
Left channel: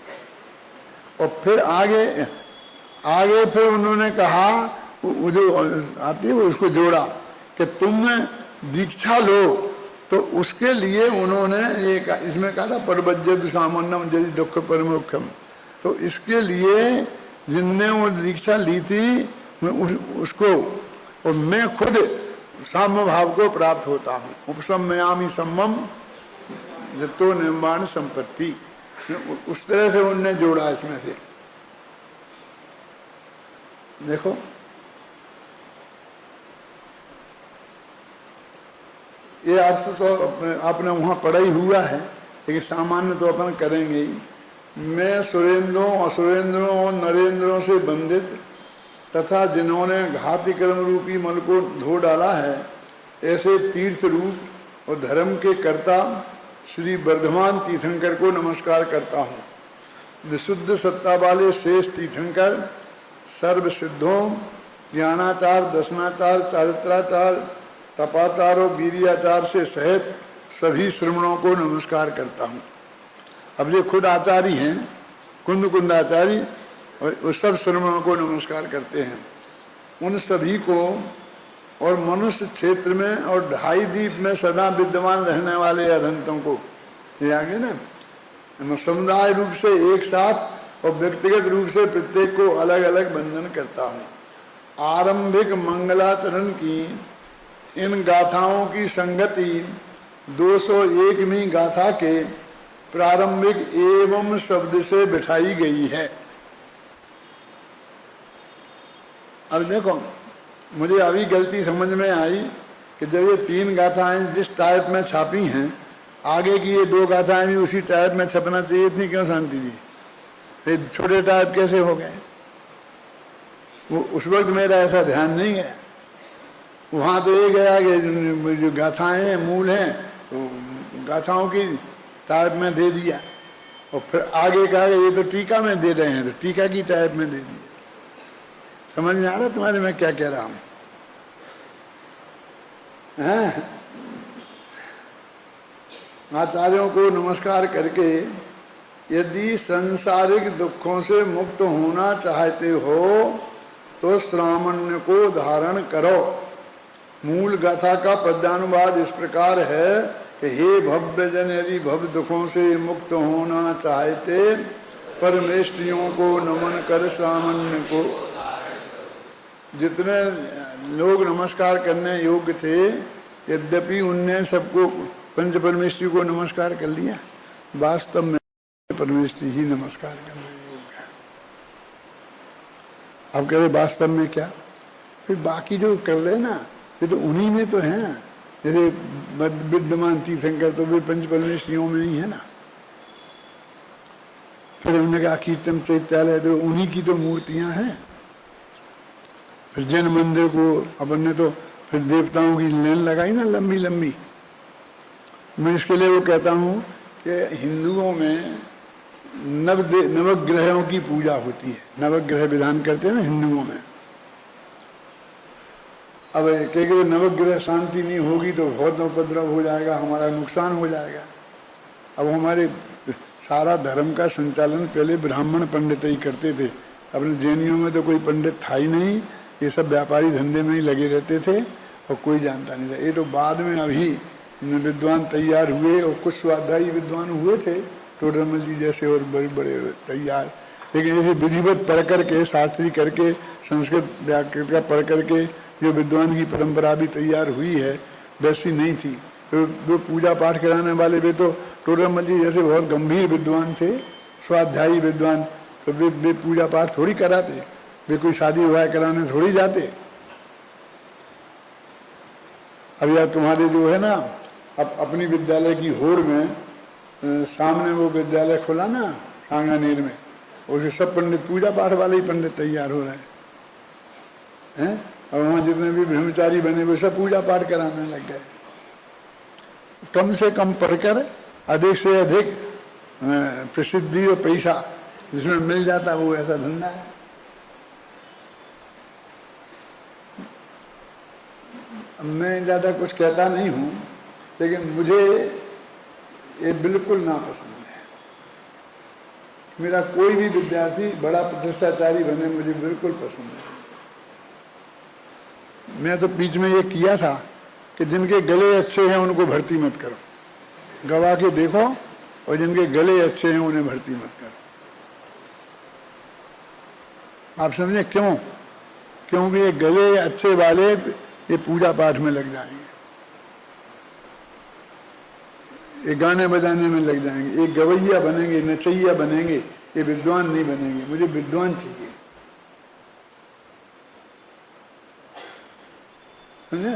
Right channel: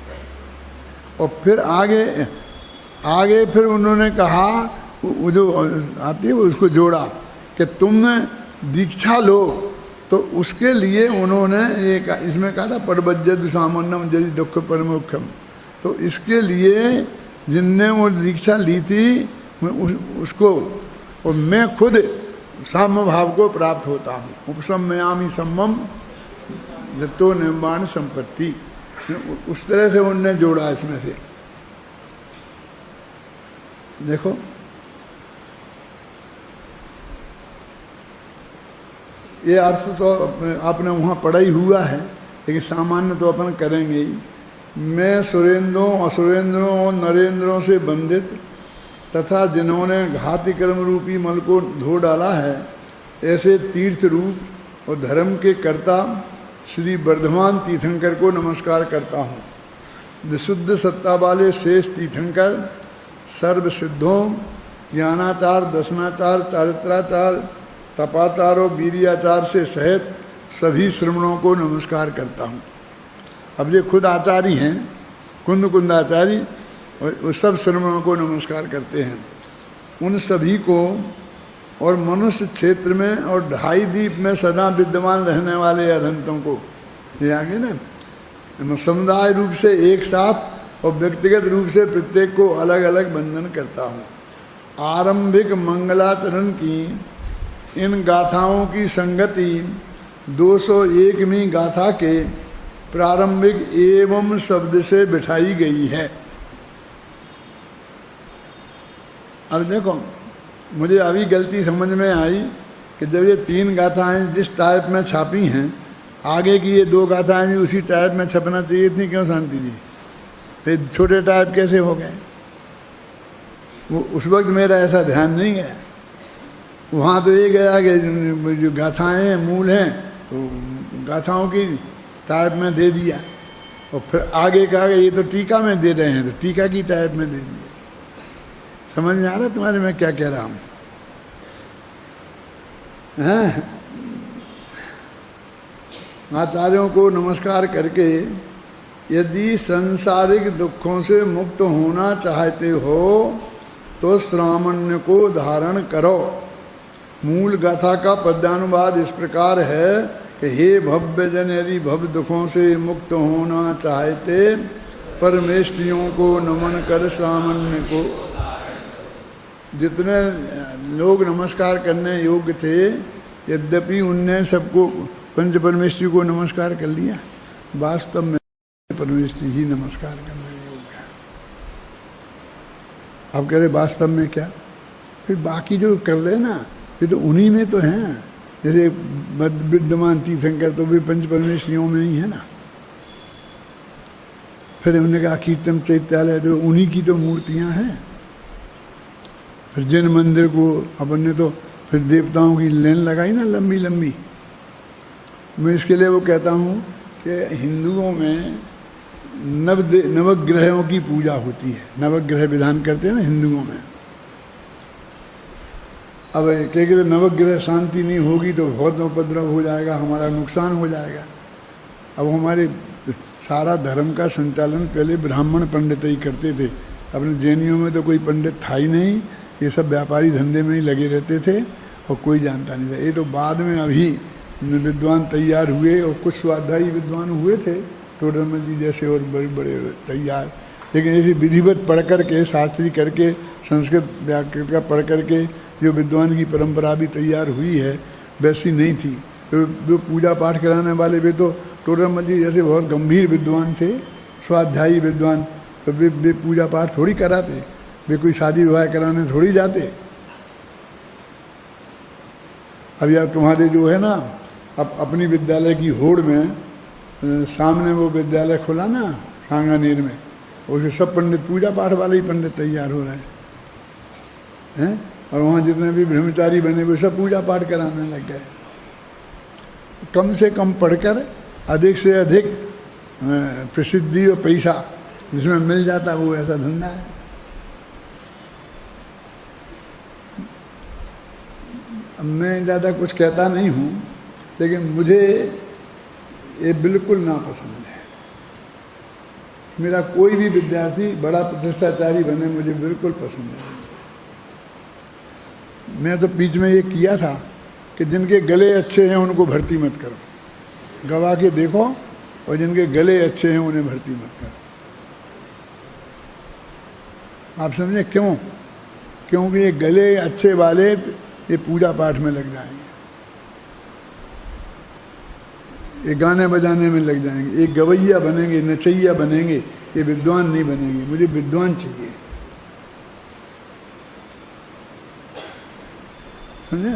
और फिर आगे फिर उन्होंने कहा, वो जो आती है उसको जोड़ा कि तुम दीक्षा लो, तो उसके लिए उन्होंने एक इसमें कहा था परवज्जद सामान्यम यदि दुख परमोक्षम। तो इसके लिए जिनने वो दीक्षा ली थी मैं उसको, और मैं खुद साम्य भाव को प्राप्त होता हूँ। उपसम्यामि सम्मम जतो निर्माण संपत्ति, उस तरह से उनने जोड़ा इसमें से। देखो ये अर्थ तो आपने वहाँ पढ़ा ही हुआ है, लेकिन सामान्य तो अपन करेंगे ही। मैं सुरेंद्रों असुरेंद्रों और नरेंद्रों से बंधित तथा जिन्होंने घाती कर्म रूपी मल को धो डाला है, ऐसे तीर्थ रूप और धर्म के कर्ता श्री वर्धमान तीर्थंकर को नमस्कार करता हूँ। विशुद्ध सत्ता वाले शेष तीर्थंकर सर्व सिद्धों, ज्ञानाचार, दर्शनाचार, चारित्राचार, तपाचार और वीर्याचार से सहित सभी श्रमणों को नमस्कार करता हूँ। अब ये खुद आचार्य हैं, कुंदाचार्य, और सब श्रमणों को नमस्कार करते हैं। उन सभी को और मनुष्य क्षेत्र में और 2.5 द्वीप में सदा विद्यमान रहने वाले अरहंतों को, ये आगे ना, समुदाय रूप से एक साथ और व्यक्तिगत रूप से प्रत्येक को अलग अलग वंदन करता हूँ। आरंभिक मंगलाचरण की इन गाथाओं की संगति 201वीं गाथा के प्रारंभिक एवं शब्द से बिठाई गई है। अब देखो, मुझे अभी गलती समझ में आई कि जब ये 3 गाथाएं जिस टाइप में छापी हैं, आगे की ये 2 गाथाएं भी उसी टाइप में छपना चाहिए, इतनी क्यों शांति जी? फिर छोटे टाइप कैसे हो गए? वो उस वक्त मेरा ऐसा ध्यान नहीं गया। वहाँ तो ये गया कि जो गाथाएं हैं मूल हैं, तो गाथाओं की टाइप में दे दिया, और फिर आगे कहा ये तो टीका में दे रहे हैं, तो टीका की टाइप में दे दिया। समझ में आ रहा तुम्हारे मैं क्या कह रहा हूँ? आचार्यों को नमस्कार करके यदि सांसारिक दुखों से मुक्त होना चाहते हो तो श्रामण्य को धारण करो। मूल गाथा का पद्यानुवाद इस प्रकार है कि हे भव्य जन, यदि भव दुखों से मुक्त होना चाहते, परमेष्ठियों को नमन कर सामान्य को। जितने लोग नमस्कार करने योग्य थे, यद्यपि उनने सबको पंच परमेष्ठी को नमस्कार कर लिया, वास्तव में परमेष्ठी ही नमस्कार करने योग्य है। अब कह रहे वास्तव में क्या, फिर बाकी जो कर रहे ना, ये तो उन्हीं में तो हैं। जैसे विद्यमान तीर्थंकर तो भी पंच परमेष्ठियों में ही है ना। फिर उन्होंने कहा कीर्तन चैत्यालय, तो उन्हीं की तो मूर्तियां हैं। फिर जैन मंदिर को अपन ने तो फिर देवताओं की लाइन लगाई ना, लंबी लंबी। मैं इसके लिए वो कहता हूँ कि हिंदुओं में नवग्रहों की पूजा होती है, नवग्रह विधान करते हैं ना हिंदुओं में। अब कह के नवग्रह शांति नहीं होगी तो बहुत उपद्रव हो जाएगा, हमारा नुकसान हो जाएगा। अब हमारे सारा धर्म का संचालन पहले ब्राह्मण पंडित ही करते थे। अपने जैनियों में तो कोई पंडित था ही नहीं, ये सब व्यापारी धंधे में ही लगे रहते थे और कोई जानता नहीं था। ये तो बाद में अभी विद्वान तैयार हुए और कुछ स्वाध्यायी विद्वान हुए थे, टोडरमल जी जैसे और बड़े बड़े तैयार। लेकिन ऐसे विधिवत पढ़ करके, शास्त्री करके, संस्कृत व्याकरण का पढ़ करके जो विद्वान की परंपरा भी तैयार हुई है, वैसी नहीं थी। तो पूजा पाठ कराने वाले वे तो टोडरमल जी जैसे बहुत गंभीर विद्वान थे, स्वाध्यायी विद्वान, तो वे पूजा पाठ थोड़ी कराते, वे कोई शादी विवाह कराने थोड़ी जाते। अब यार तुम्हारे जो है ना, अब अपनी विद्यालय की होड़ में सामने वो विद्यालय खोला ना सांगानेर में, उससे सब पंडित पूजा पाठ वाले ही पंडित तैयार हो रहे हैं। और वहाँ जितने भी ब्रह्मचारी बने वो सब पूजा पाठ कराने लग गए। कम से कम पढ़कर अधिक से अधिक प्रसिद्धि और पैसा जिसमें मिल जाता वो ऐसा धंधा है। मैं ज़्यादा कुछ कहता नहीं हूँ, लेकिन मुझे ये बिल्कुल नापसंद है। मेरा कोई भी विद्यार्थी बड़ा प्रतिष्ठाचारी बने, मुझे बिल्कुल पसंद है। मैं तो बीच में ये किया था कि जिनके गले अच्छे हैं उनको भर्ती मत करो, गवा के देखो, और जिनके गले अच्छे हैं उन्हें भर्ती मत करो। आप समझे क्यों? क्योंकि ये गले अच्छे वाले ये पूजा पाठ में लग जाएंगे, ये गाने बजाने में लग जाएंगे, ये गवैया बनेंगे, नचैया बनेंगे, ये विद्वान नहीं बनेंगे। मुझे विद्वान चाहिए, समझे?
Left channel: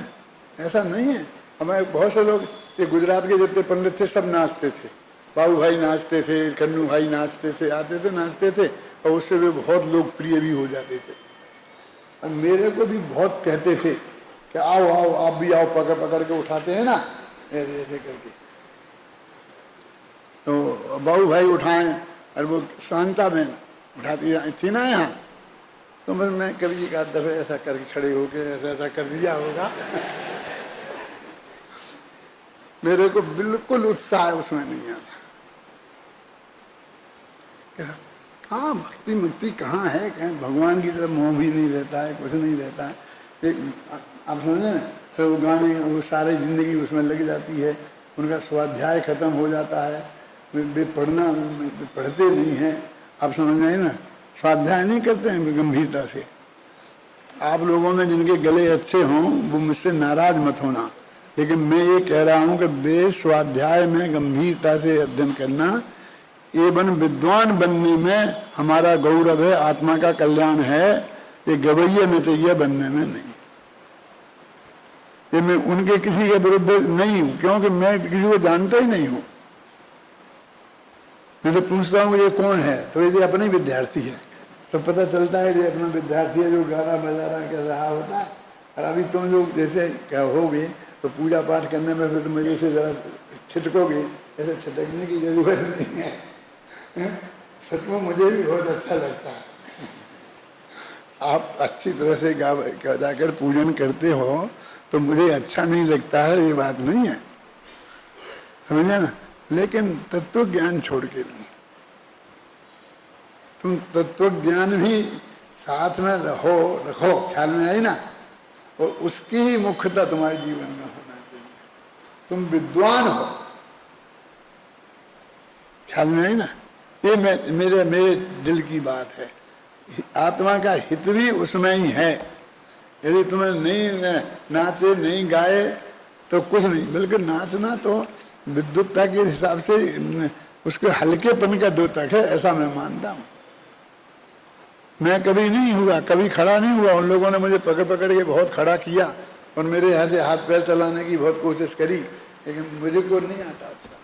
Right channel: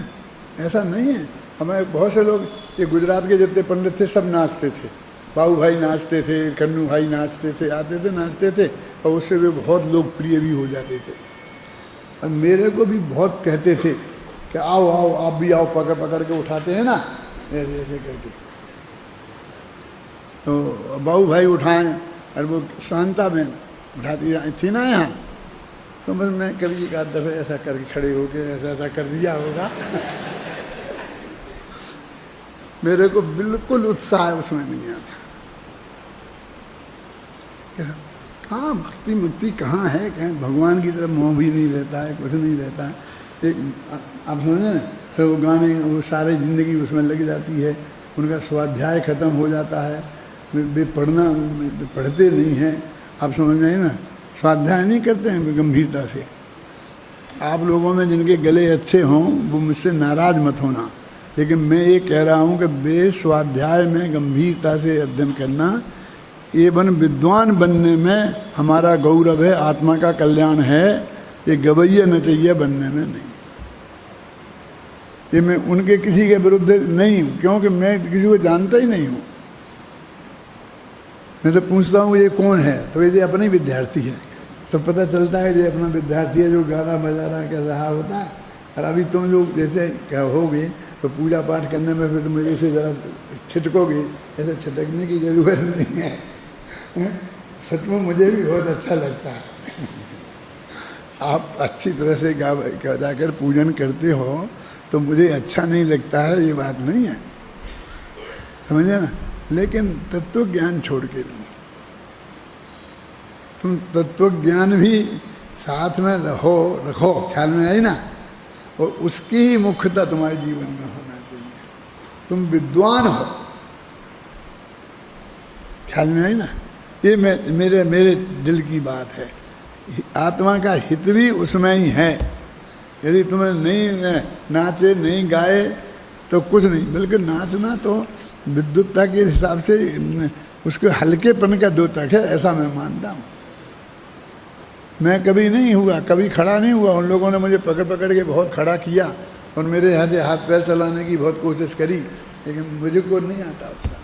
ऐसा नहीं है। हमें बहुत से लोग, ये गुजरात के जितने पंडित थे सब नाचते थे, बाबू भाई नाचते थे, कन्नू भाई नाचते थे, आते थे नाचते थे, और उससे वे बहुत लोकप्रिय भी हो जाते थे। और मेरे को भी बहुत कहते थे कि आओ आओ आप भी आओ, पकड़ पकड़ के उठाते हैं ना ऐसे ऐसे करके। तो बाबू भाई उठाएं, और वो शांता बहन उठाती थी ना यहाँ, तो बस मैं कभी एक आध दफे ऐसा करके खड़े होके ऐसा ऐसा कर दिया होगा। मेरे को बिल्कुल उत्साह उसमें नहीं आता। कहाँ भक्ति मुक्ति कहाँ है, कहीं भगवान की तरफ मोह भी नहीं रहता है, कुछ नहीं रहता है। एक आप समझे ना, फिर वो गाने वो सारी जिंदगी उसमें लग जाती है, उनका स्वाध्याय खत्म हो जाता है, वे पढ़ते नहीं हैं। आप समझ रहे ना, स्वाध्याय नहीं करते हैं गंभीरता से। आप लोगों में जिनके गले अच्छे हों वो मुझसे नाराज मत होना, लेकिन मैं ये कह रहा हूँ कि बे स्वाध्याय में गंभीरता से अध्ययन करना, एवं विद्वान बनने में हमारा गौरव है, आत्मा का कल्याण है। ये गवैया नचैया बनने में नहीं। ये मैं उनके किसी के विरुद्ध नहीं हूँ, क्योंकि मैं किसी को जानता ही नहीं हूँ। मैं तो पूछता हूँ ये कौन है, तो ये अपने विद्यार्थी है, तो पता चलता है ये अपना विद्यार्थी है जो गाना बजाना कर रहा होता है। और अभी तुम लोग जैसे क्या होगे तो पूजा पाठ करने में फिर मेरे से ज़रा छिटकोगे, ऐसे छिटकने की जरूरत नहीं है। सच में मुझे भी बहुत अच्छा लगता है। आप अच्छी तरह से गा जाकर पूजन करते हो तो मुझे अच्छा नहीं लगता है, ये बात नहीं है, समझे ना। लेकिन तत्व ज्ञान छोड़ के नहीं, तुम तत्व ज्ञान भी साथ में रखो, ख्याल में आई ना। और उसकी ही मुख्यता तुम्हारे जीवन में होना चाहिए। तुम विद्वान हो, ख्याल में आई ना? ये मेरे दिल की बात है। आत्मा का हित भी उसमें ही है। यदि तुम्हें नहीं नाचे नहीं गाए तो कुछ नहीं, बल्कि नाचना तो विद्युतता के हिसाब से उसके हल्केपन का द्योतक है, ऐसा मैं मानता हूँ। मैं कभी नहीं हुआ, कभी खड़ा नहीं हुआ। उन लोगों ने मुझे पकड़ पकड़ के बहुत खड़ा किया और मेरे यहाँ से हाथ पैर चलाने की बहुत कोशिश करी, लेकिन मुझे को नहीं आता उसका।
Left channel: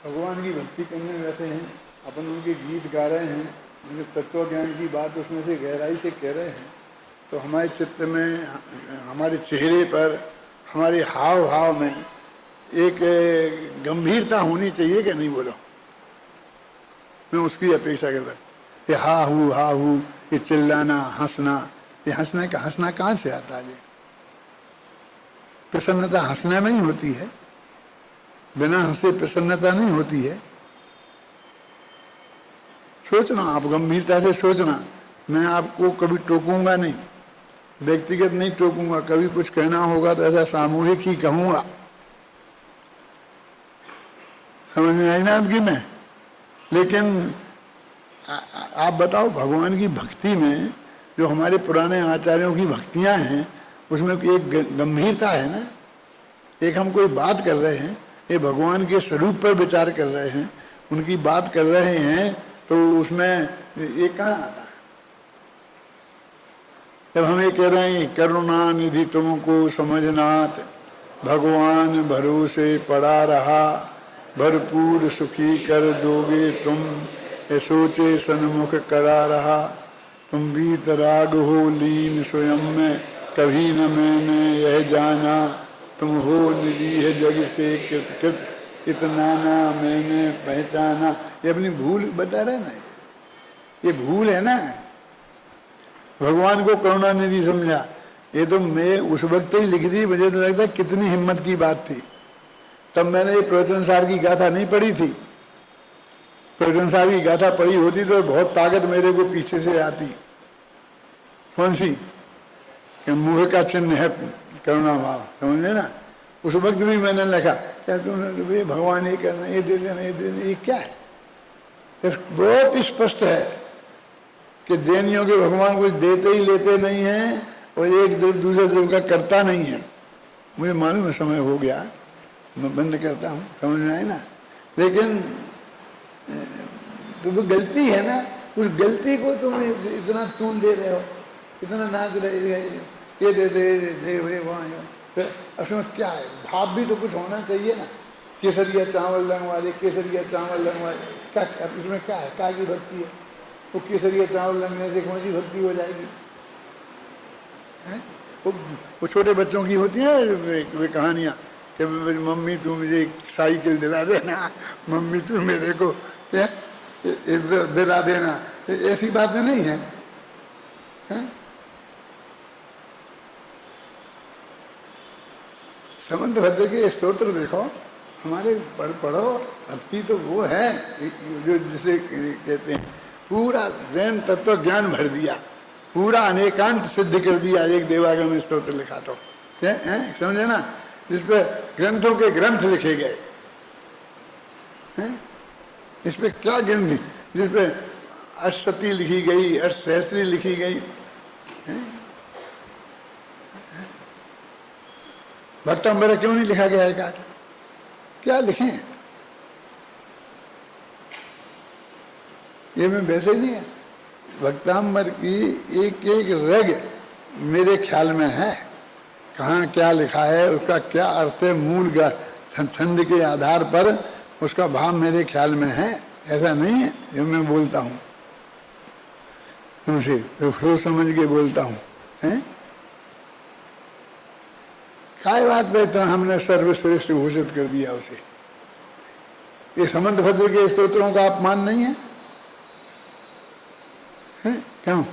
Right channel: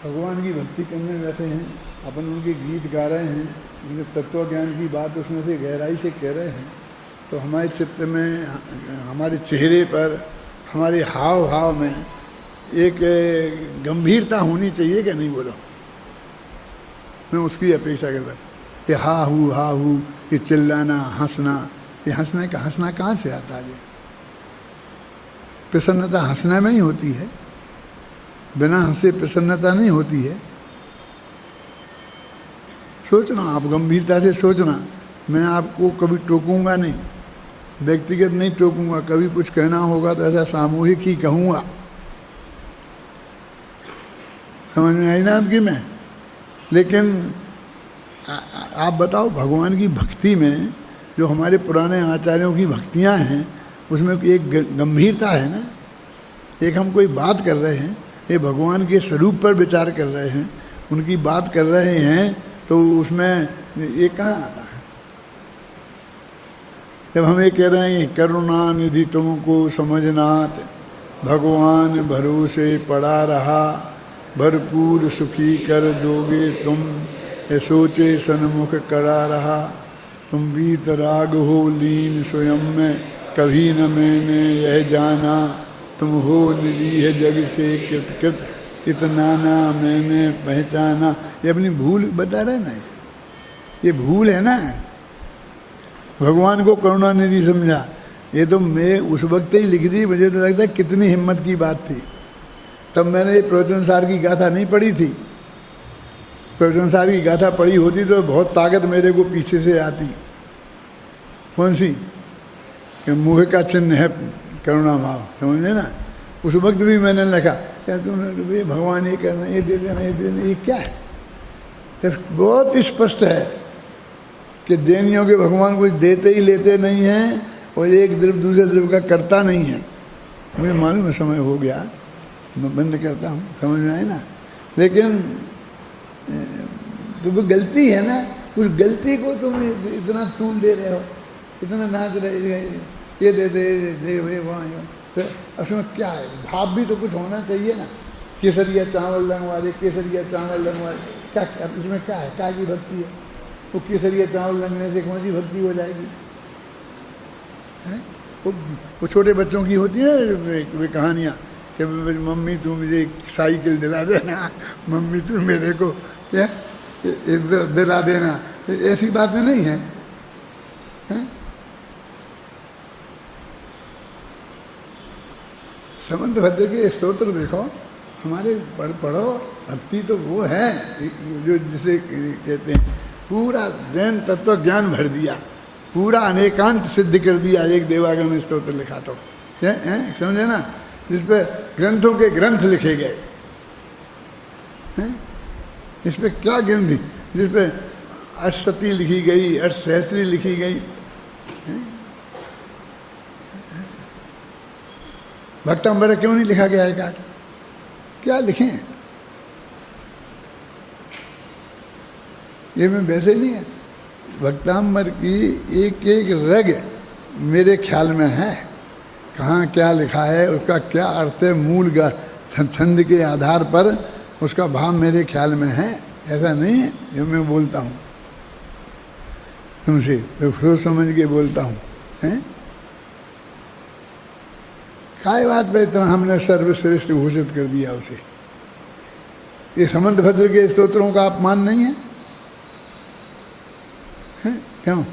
भगवान की भक्ति करने बैठे हैं, अपन उनके गीत गा रहे हैं, उनके तत्व ज्ञान की बात उसमें से गहराई से कह रहे हैं, तो हमारे चित्त में, हमारे चेहरे पर, हमारे हाव भाव में एक गंभीरता होनी चाहिए कि नहीं? बोलो, मैं उसकी अपेक्षा करता हूँ। ये हा हूँ, ये चिल्लाना, हंसना, ये हंसना कहाँ से आता है? प्रसन्नता हंसने में ही होती है, बिना हंसे प्रसन्नता नहीं होती है। सोचना, आप गंभीरता से सोचना। मैं आपको कभी टोकूंगा नहीं, व्यक्तिगत नहीं टोकूंगा। कभी कुछ कहना होगा तो ऐसा सामूहिक ही कहूंगा। समझ में आई ना आपकी? मैं लेकिन आप बताओ, भगवान की भक्ति में जो हमारे पुराने आचार्यों की भक्तियां हैं, उसमें एक गंभीरता है ना। एक हम कोई बात कर रहे हैं, ये भगवान के स्वरूप पर विचार कर रहे हैं, उनकी बात कर रहे हैं, तो उसमें ये कहाँ आता है? जब हम ये कह रहे हैं करुणा निधि तुमको समझनात, भगवान भरोसे पड़ा रहा, भरपूर सुखी कर दोगे तुम, ये सोचे सन्मुख करा रहा, तुम बीत राग हो लीन स्वयं में, कभी न मैंने यह जाना, तुम हो निधि है जग से कृत, इतना ना मैंने पहचाना। ये अपनी भूल बता रहे ना, ये भूल है ना। भगवान को करुणा निधि समझा, ये तो मैं उस वक्त ही लिख दी। मुझे तो लगता है कितनी हिम्मत की बात थी। तब मैंने ये प्रवचनसार की गाथा नहीं पढ़ी थी। प्रवचनसार की गाथा पढ़ी होती तो बहुत ताकत मेरे को पीछे से आती। कौन सी? कि मुँह का चिन्ह है करुणा भाव, समझे ना? उस वक्त भी मैंने लिखा, क्या तुमने ये भगवान ये करना, ये दे देना, ये देना, ये क्या है? बहुत स्पष्ट है कि देनियों के भगवान कुछ देते ही लेते नहीं हैं और एक द्रव दूसरे द्रव का करता नहीं है। मुझे मालूम है समय हो गया, मैं बंद करता हूँ, समझ में आए ना? लेकिन तो वो गलती है ना, उस गलती को तुम इतना तूल दे रहे हो, इतना नाच रहे, ये दे दे वहाँ। उसमें क्या है? भाव भी तो कुछ होना चाहिए ना। केसरिया चावल लगवा दे, केसरिया चावल लगवा दे, क्या इसमें क्या है? क्या की भक्ति है? वो केसरिया चावल लगने से कौन सी भक्ति हो जाएगी? वो छोटे बच्चों की होती है वे कहानियाँ कि मम्मी तू मुझे साइकिल दिला देना, मम्मी तू मेरे को क्या दिला देना। ऐसी बातें नहीं है, है? समंत भद्र के स्तोत्र देखो, हमारे पढ़ो। भक्ति तो वो है जो जिसे कहते हैं पूरा जैन तत्व ज्ञान भर दिया, पूरा अनेकांत सिद्ध कर दिया। एक देवागम स्तोत्र लिखा तो है, समझे ना? जिसपे ग्रंथों के ग्रंथ लिखे गए हैं। इस पे क्या ग्रंथ? जिसपे अष्टसती लिखी गई, अष्टसहस्त्री लिखी गई है। भक्तांबर क्यों नहीं लिखा गया है? क्या लिखें? ये मैं वैसे नहीं है। भक्तांबर की एक एक रग मेरे ख्याल में है, कहाँ क्या लिखा है, उसका क्या अर्थ है, मूल छंद के आधार पर उसका भाव मेरे ख्याल में है। ऐसा नहीं है जो मैं बोलता हूँ तुमसे, तो सोच समझ के बोलता हूँ, हैं? काय बात पे इतना हमने सर्वश्रेष्ठ घोषित कर दिया उसे? ये समंत भद्र के स्तोत्रों का अपमान नहीं है? क्यों?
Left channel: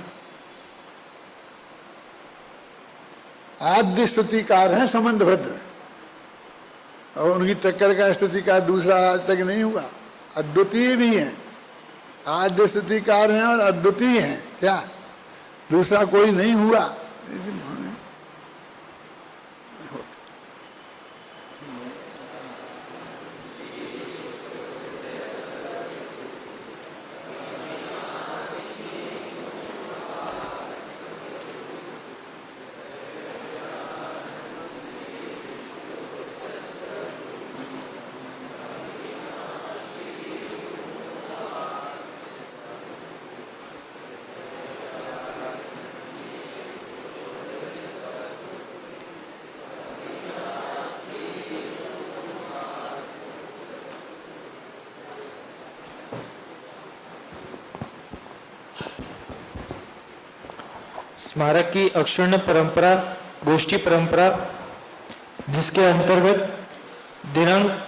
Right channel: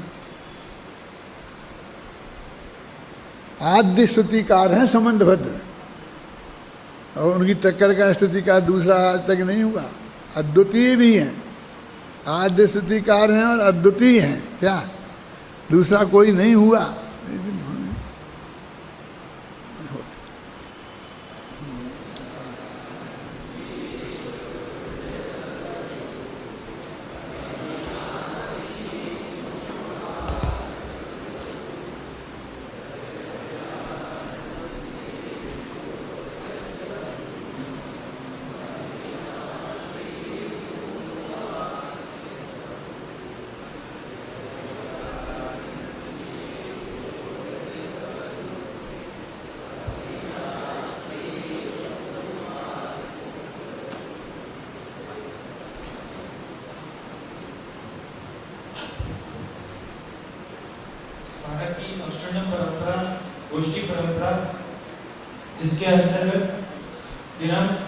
आद्य स्तुतिकार हैं समंत भद्र, और उनकी टक्कर का स्तुतिकार दूसरा आज तक नहीं हुआ। अद्वितीय भी है, आद्य स्तुतिकार हैं और अद्वितीय हैं, क्या दूसरा कोई नहीं हुआ। स्मारक की अक्षुण्ण परंपरा, गोष्ठी परंपरा, जिसके अंतर्गत दिनांक